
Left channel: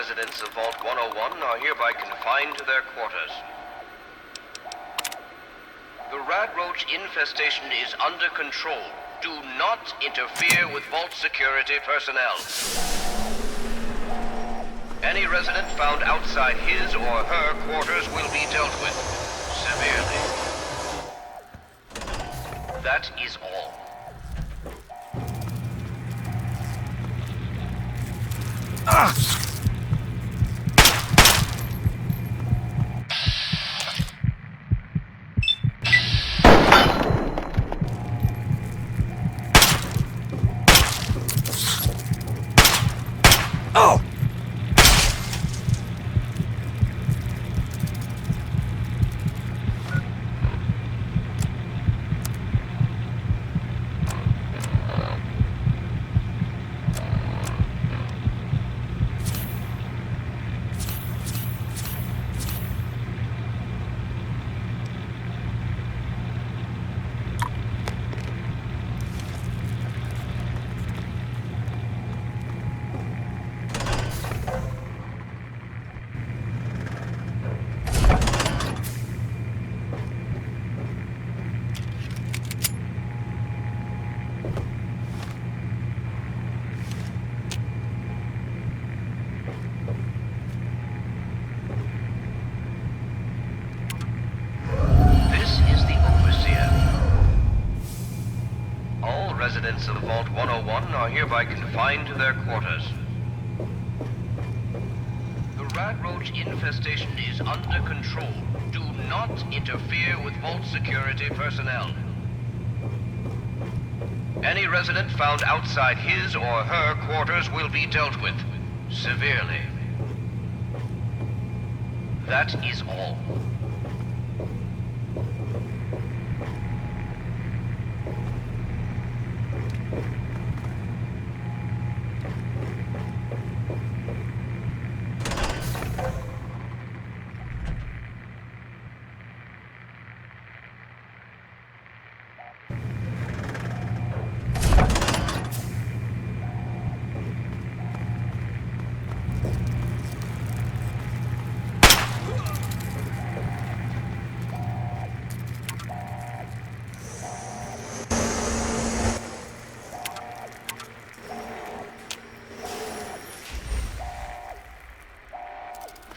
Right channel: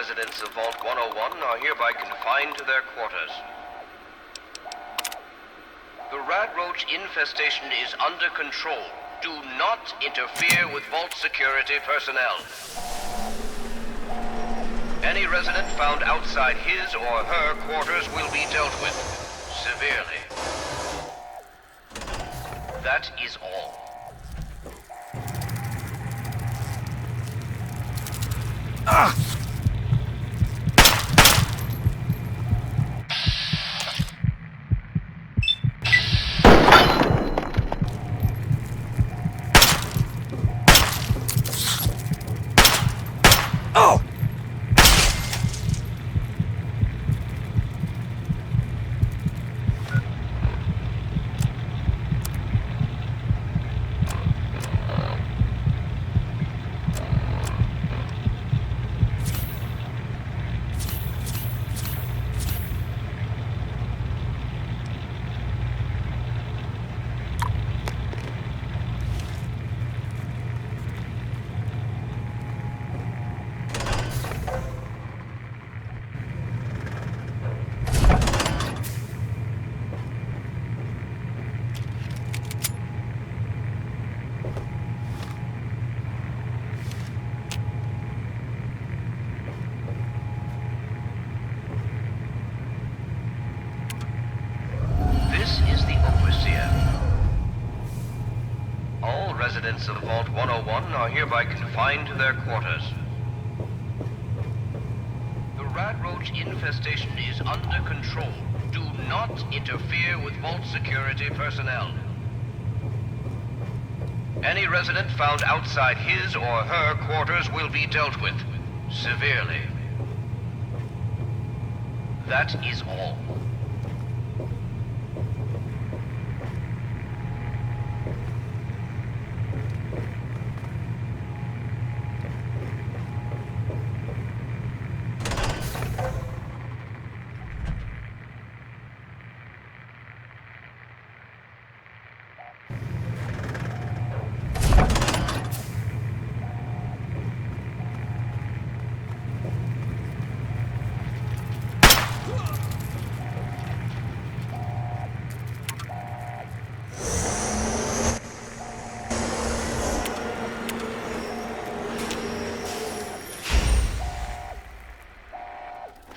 residents of Vault 101 are hereby confined to their quarters. The Radroach infestation is under control. Do not interfere with Vault security personnel. Any resident found outside his or her quarters will be dealt with severely. That is all. residents of Vault 101 are hereby confined to their quarters. The rat roach infestation is under control. Do not interfere with Vault security personnel. Any resident found outside his or her quarters will be dealt with severely. That is all.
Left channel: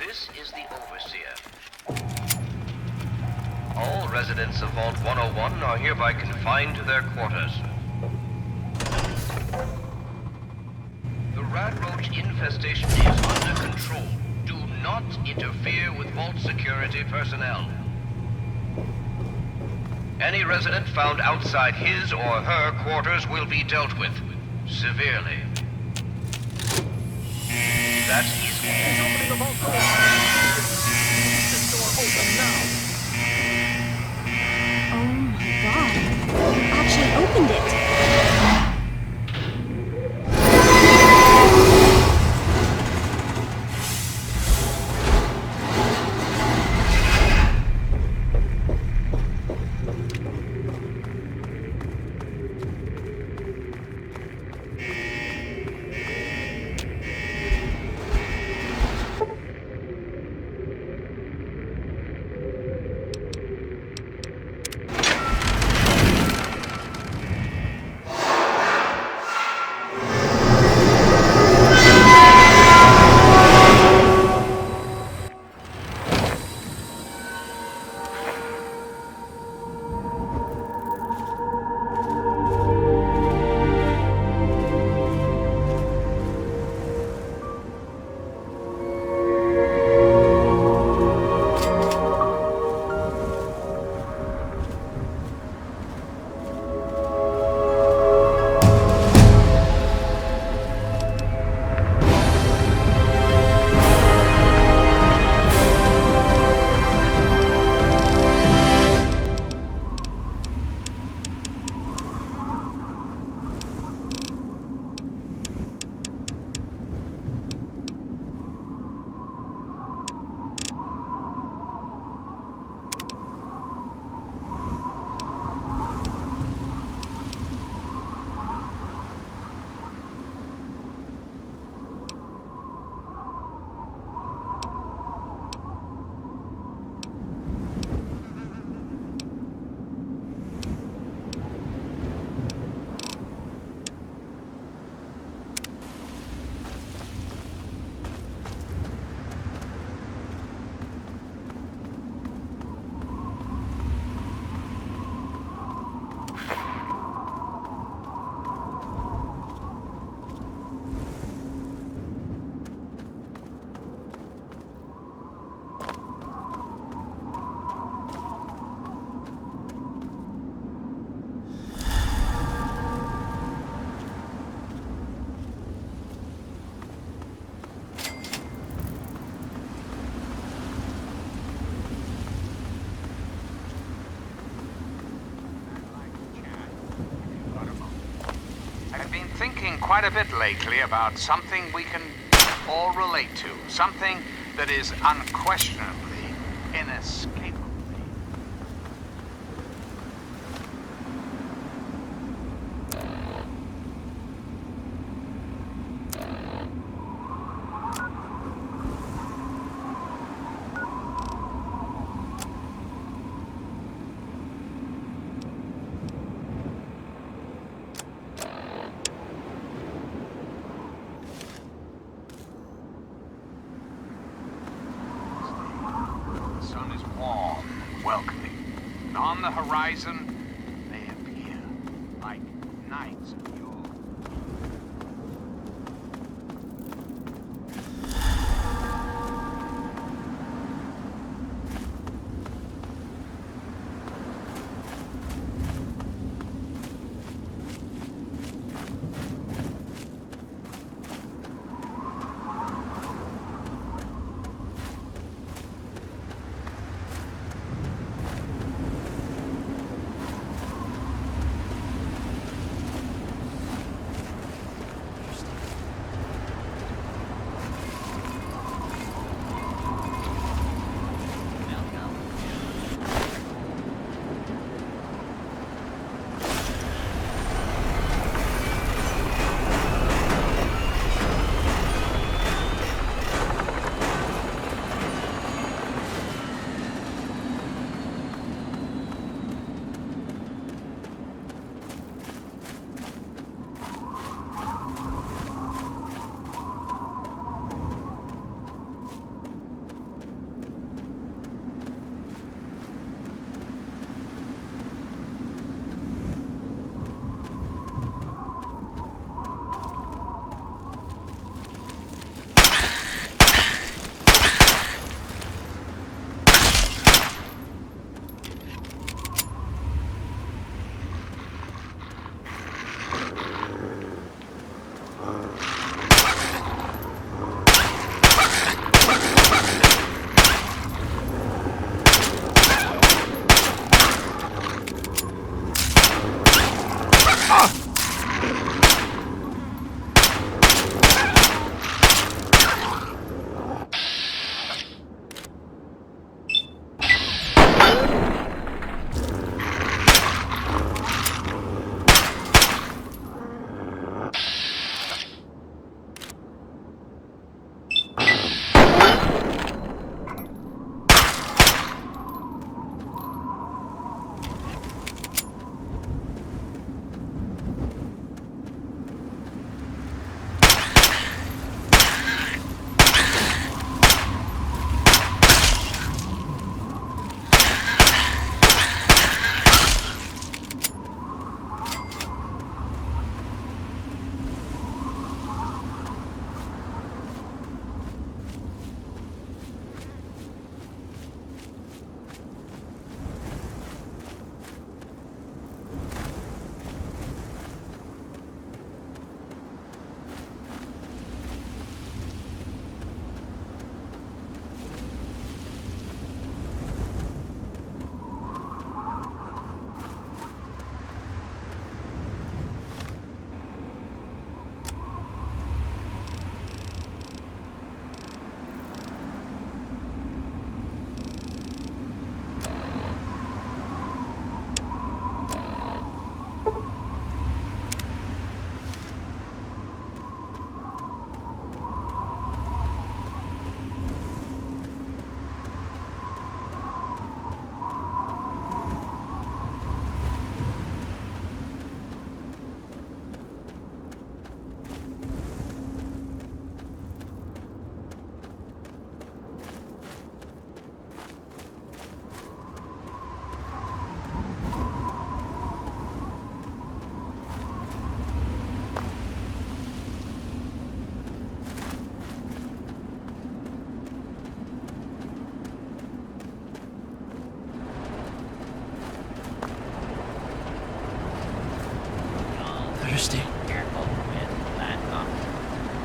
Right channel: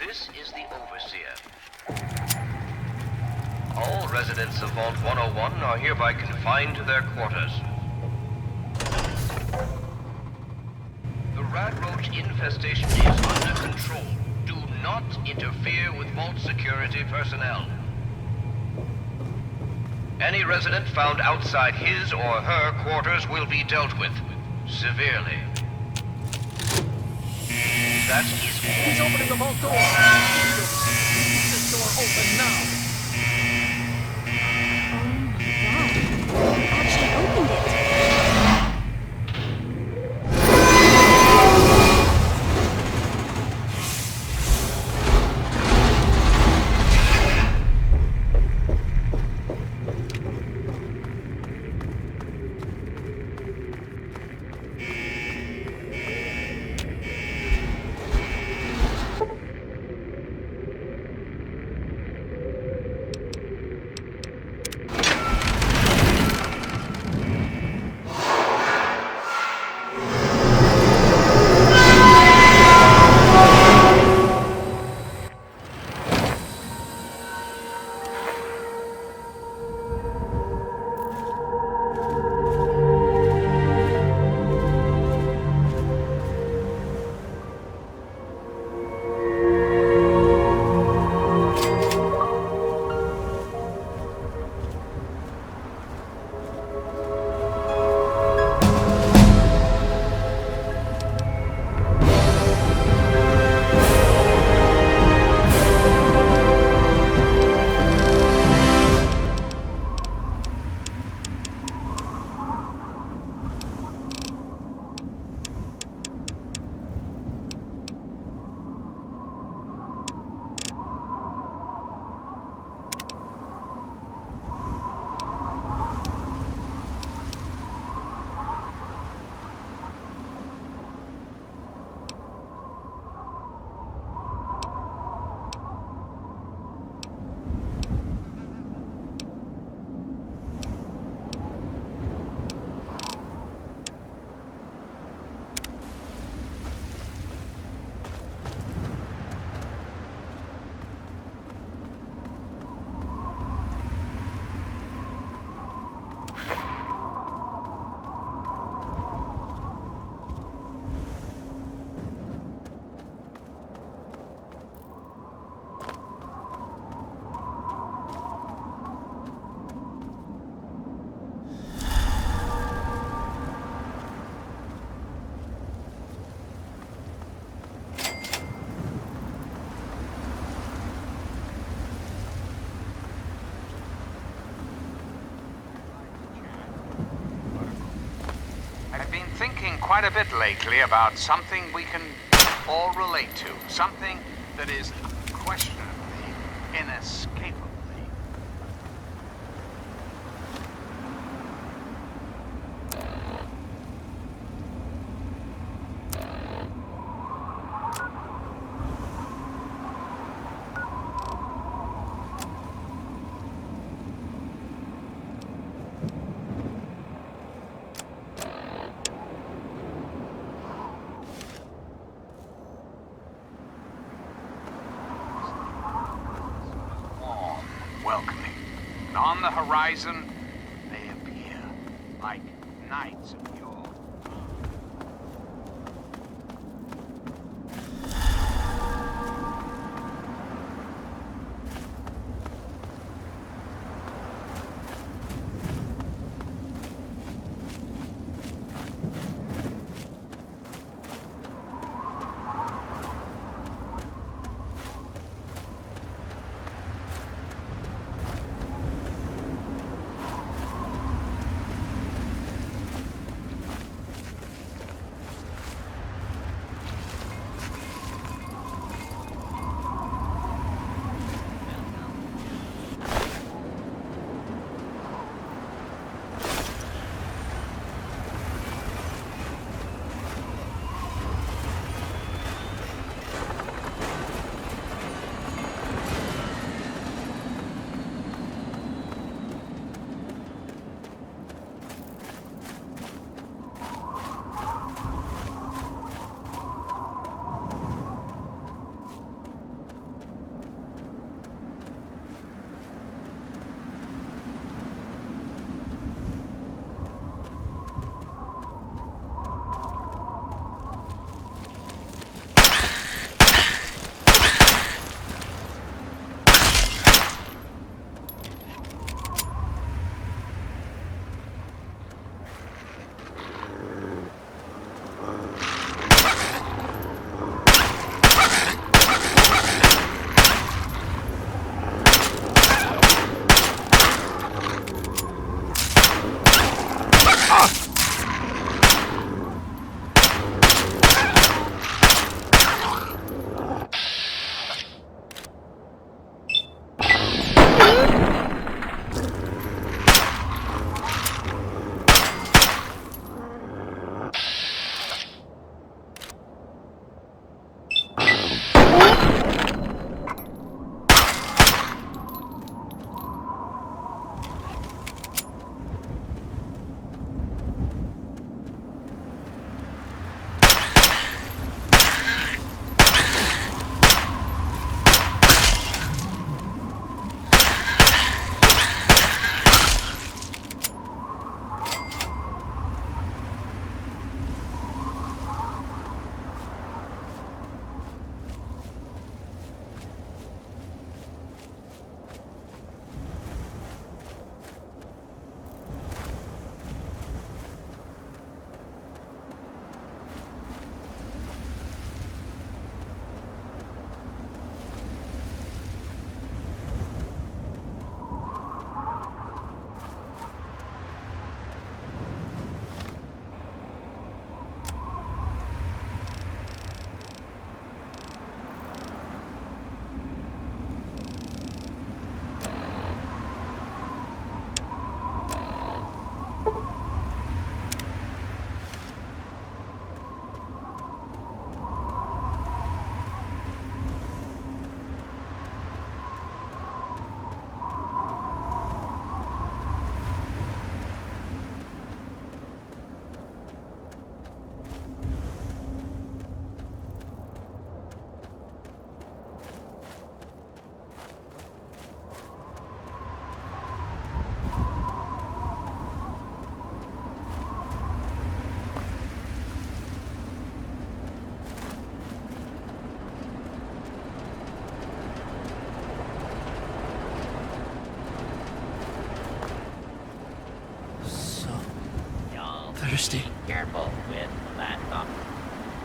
This is the Overseer. All residents of Vault 101 are hereby confined to their quarters. The rat roach infestation is under control. Do not interfere with Vault security personnel. Any resident found outside his or her quarters will be dealt with severely. That is all. I've been thinking quite a bit lately about something we can all relate to. Something that is unquestionable.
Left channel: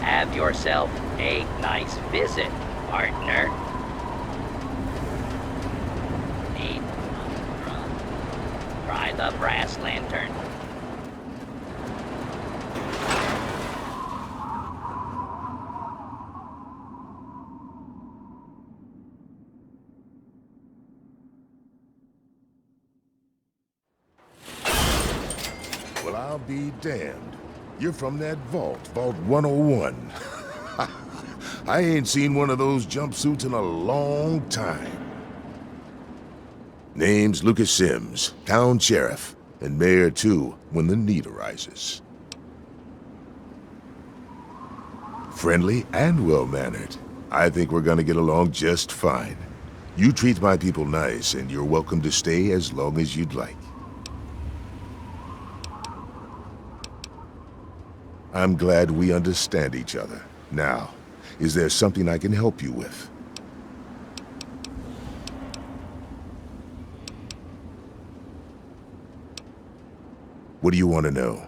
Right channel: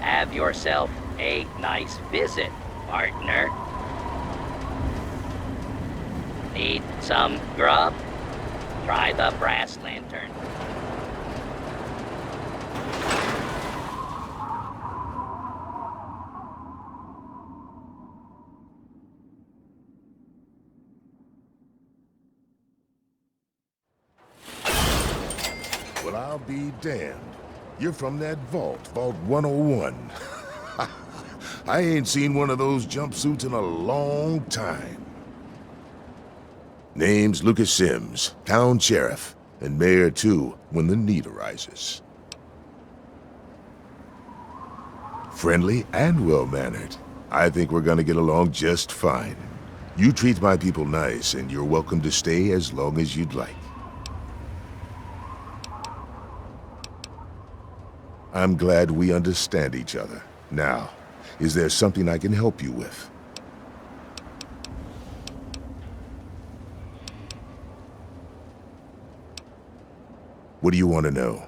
Have yourself a nice visit, partner. Need some grub? Try the brass lantern. Well, I'll be damned. You're from that vault, Vault 101. I ain't seen one of those jumpsuits in a long time. Name's Lucas Sims, town sheriff, and mayor too, when the need arises. Friendly and well-mannered. I think we're gonna get along just fine. You treat my people nice, and you're welcome to stay as long as you'd like. I'm glad we understand each other. Now, is there something I can help you with? What do you want to know?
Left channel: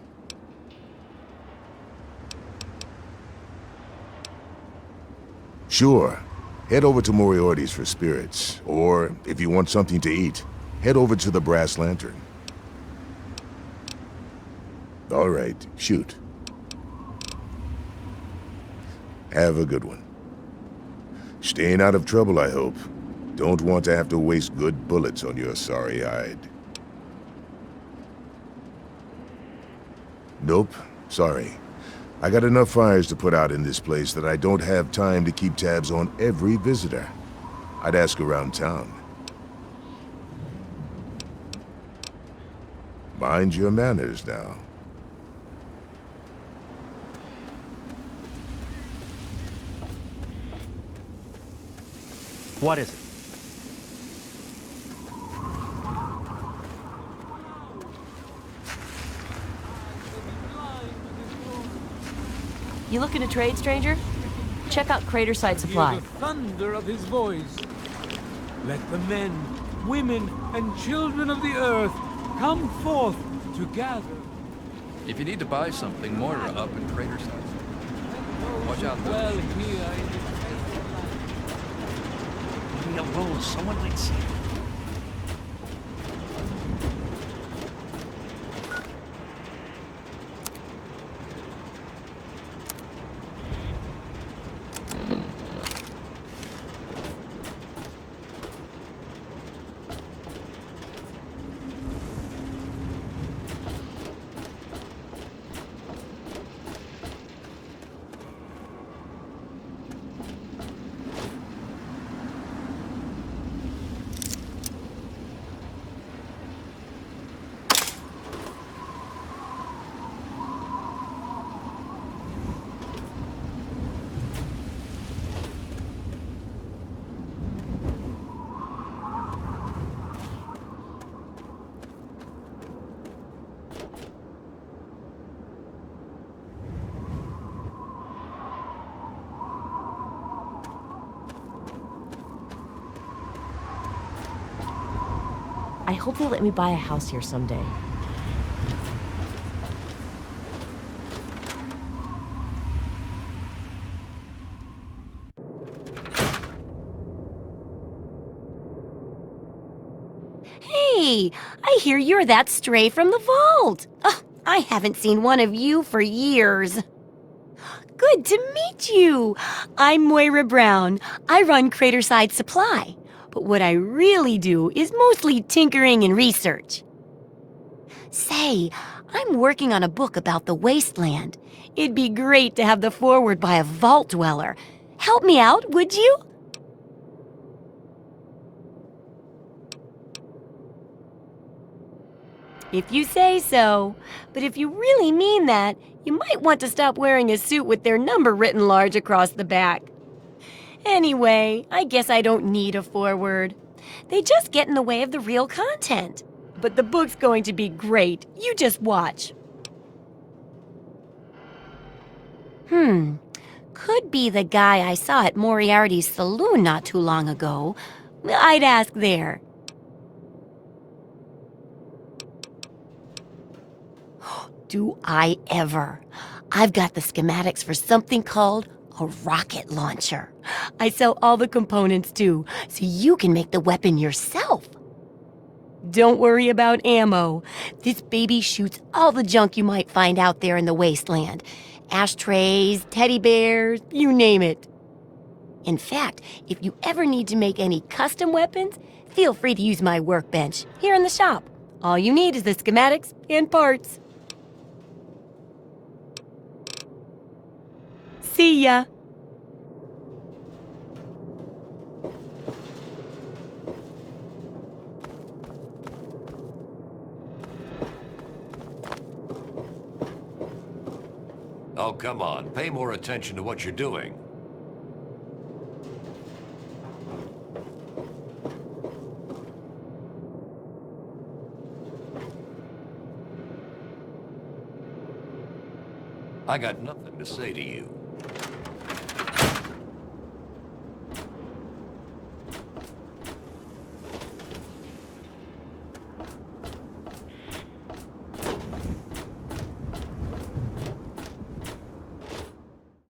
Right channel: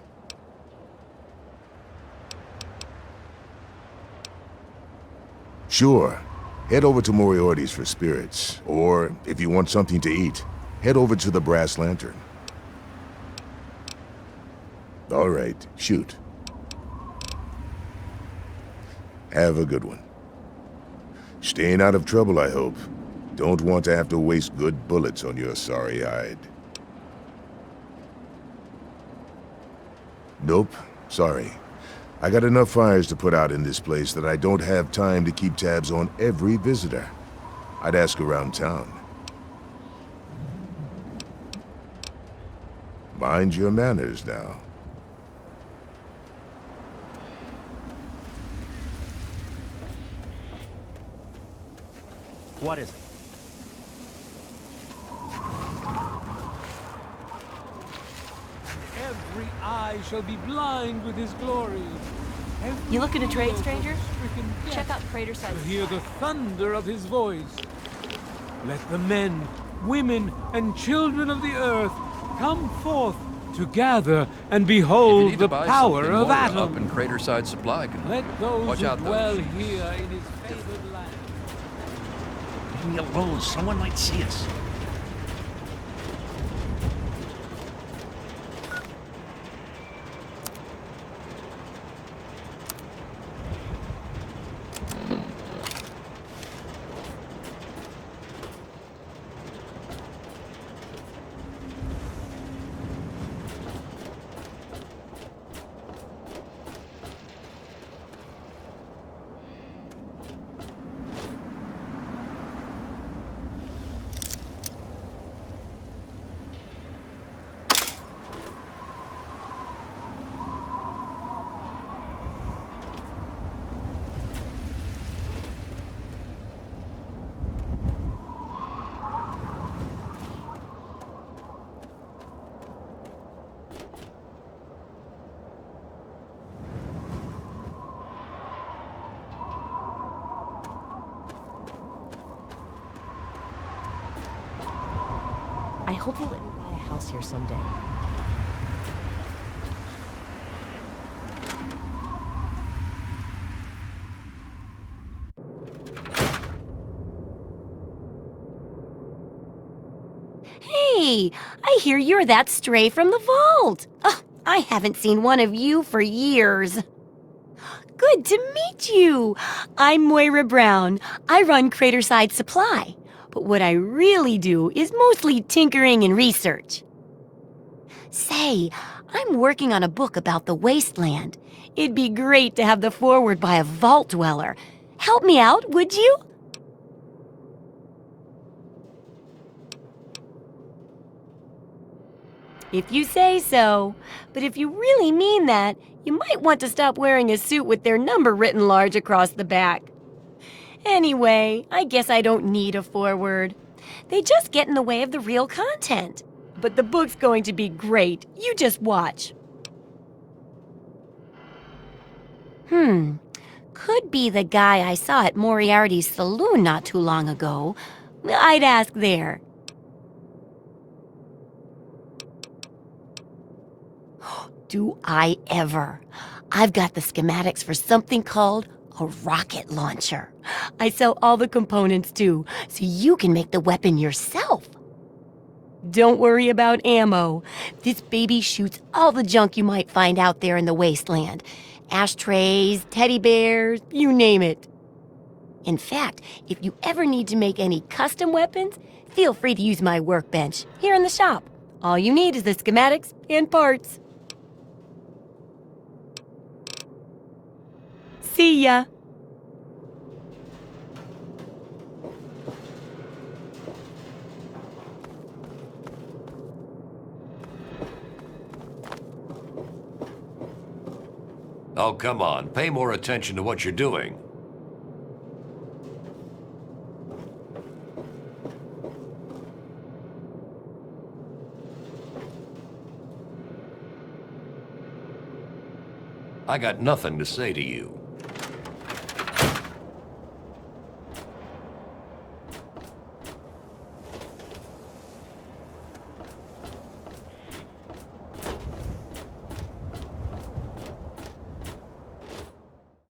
Sure. Head over to Moriarty's for spirits. Or, if you want something to eat, head over to the Brass Lantern. All right, shoot. Have a good one. Staying out of trouble, I hope. Don't want to have to waste good bullets on your sorry hide. Nope, sorry. I got enough fires to put out in this place that I don't have time to keep tabs on every visitor. I'd ask around town. Mind your manners now. What is it? Every eye shall be blind with his glory. You looking to trade, stranger? Check out Crater Site Hear Supply. the thunder of his voice. Let the men, women, and children of the earth come forth to gather and If behold you need the to buy power something of more, Atom. up in Craterside Supply. Let those Watch out. well. Leave me alone. Someone might see us. I hope they let me buy a house here someday. Hey, I hear you're that stray from the vault. Oh, I haven't seen one of you for years. Good to meet you. I'm Moira Brown. I run Craterside Supply. But what I really do is mostly tinkering and research. Say, I'm working on a book about the wasteland. It'd be great to have the foreword by a vault dweller. Help me out, would you? If you say so. But if you really mean that, you might want to stop wearing a suit with their number written large across the back. Anyway, I guess I don't need a foreword. They just get in the way of the real content. But the book's going to be great. You just watch. Could be the guy I saw at Moriarty's saloon not too long ago. I'd ask there. Do I ever? I've got the schematics for something called a rocket launcher. I sell all the components too, so you can make the weapon yourself. Don't worry about ammo. This baby shoots all the junk you might find out there in the wasteland. Ashtrays, teddy bears, you name it. In fact, if you ever need to make any custom weapons, feel free to use my workbench here in the shop. All you need is the schematics and parts. See ya. Oh, come on. Pay more attention to what you're doing. I got nothing to say to you.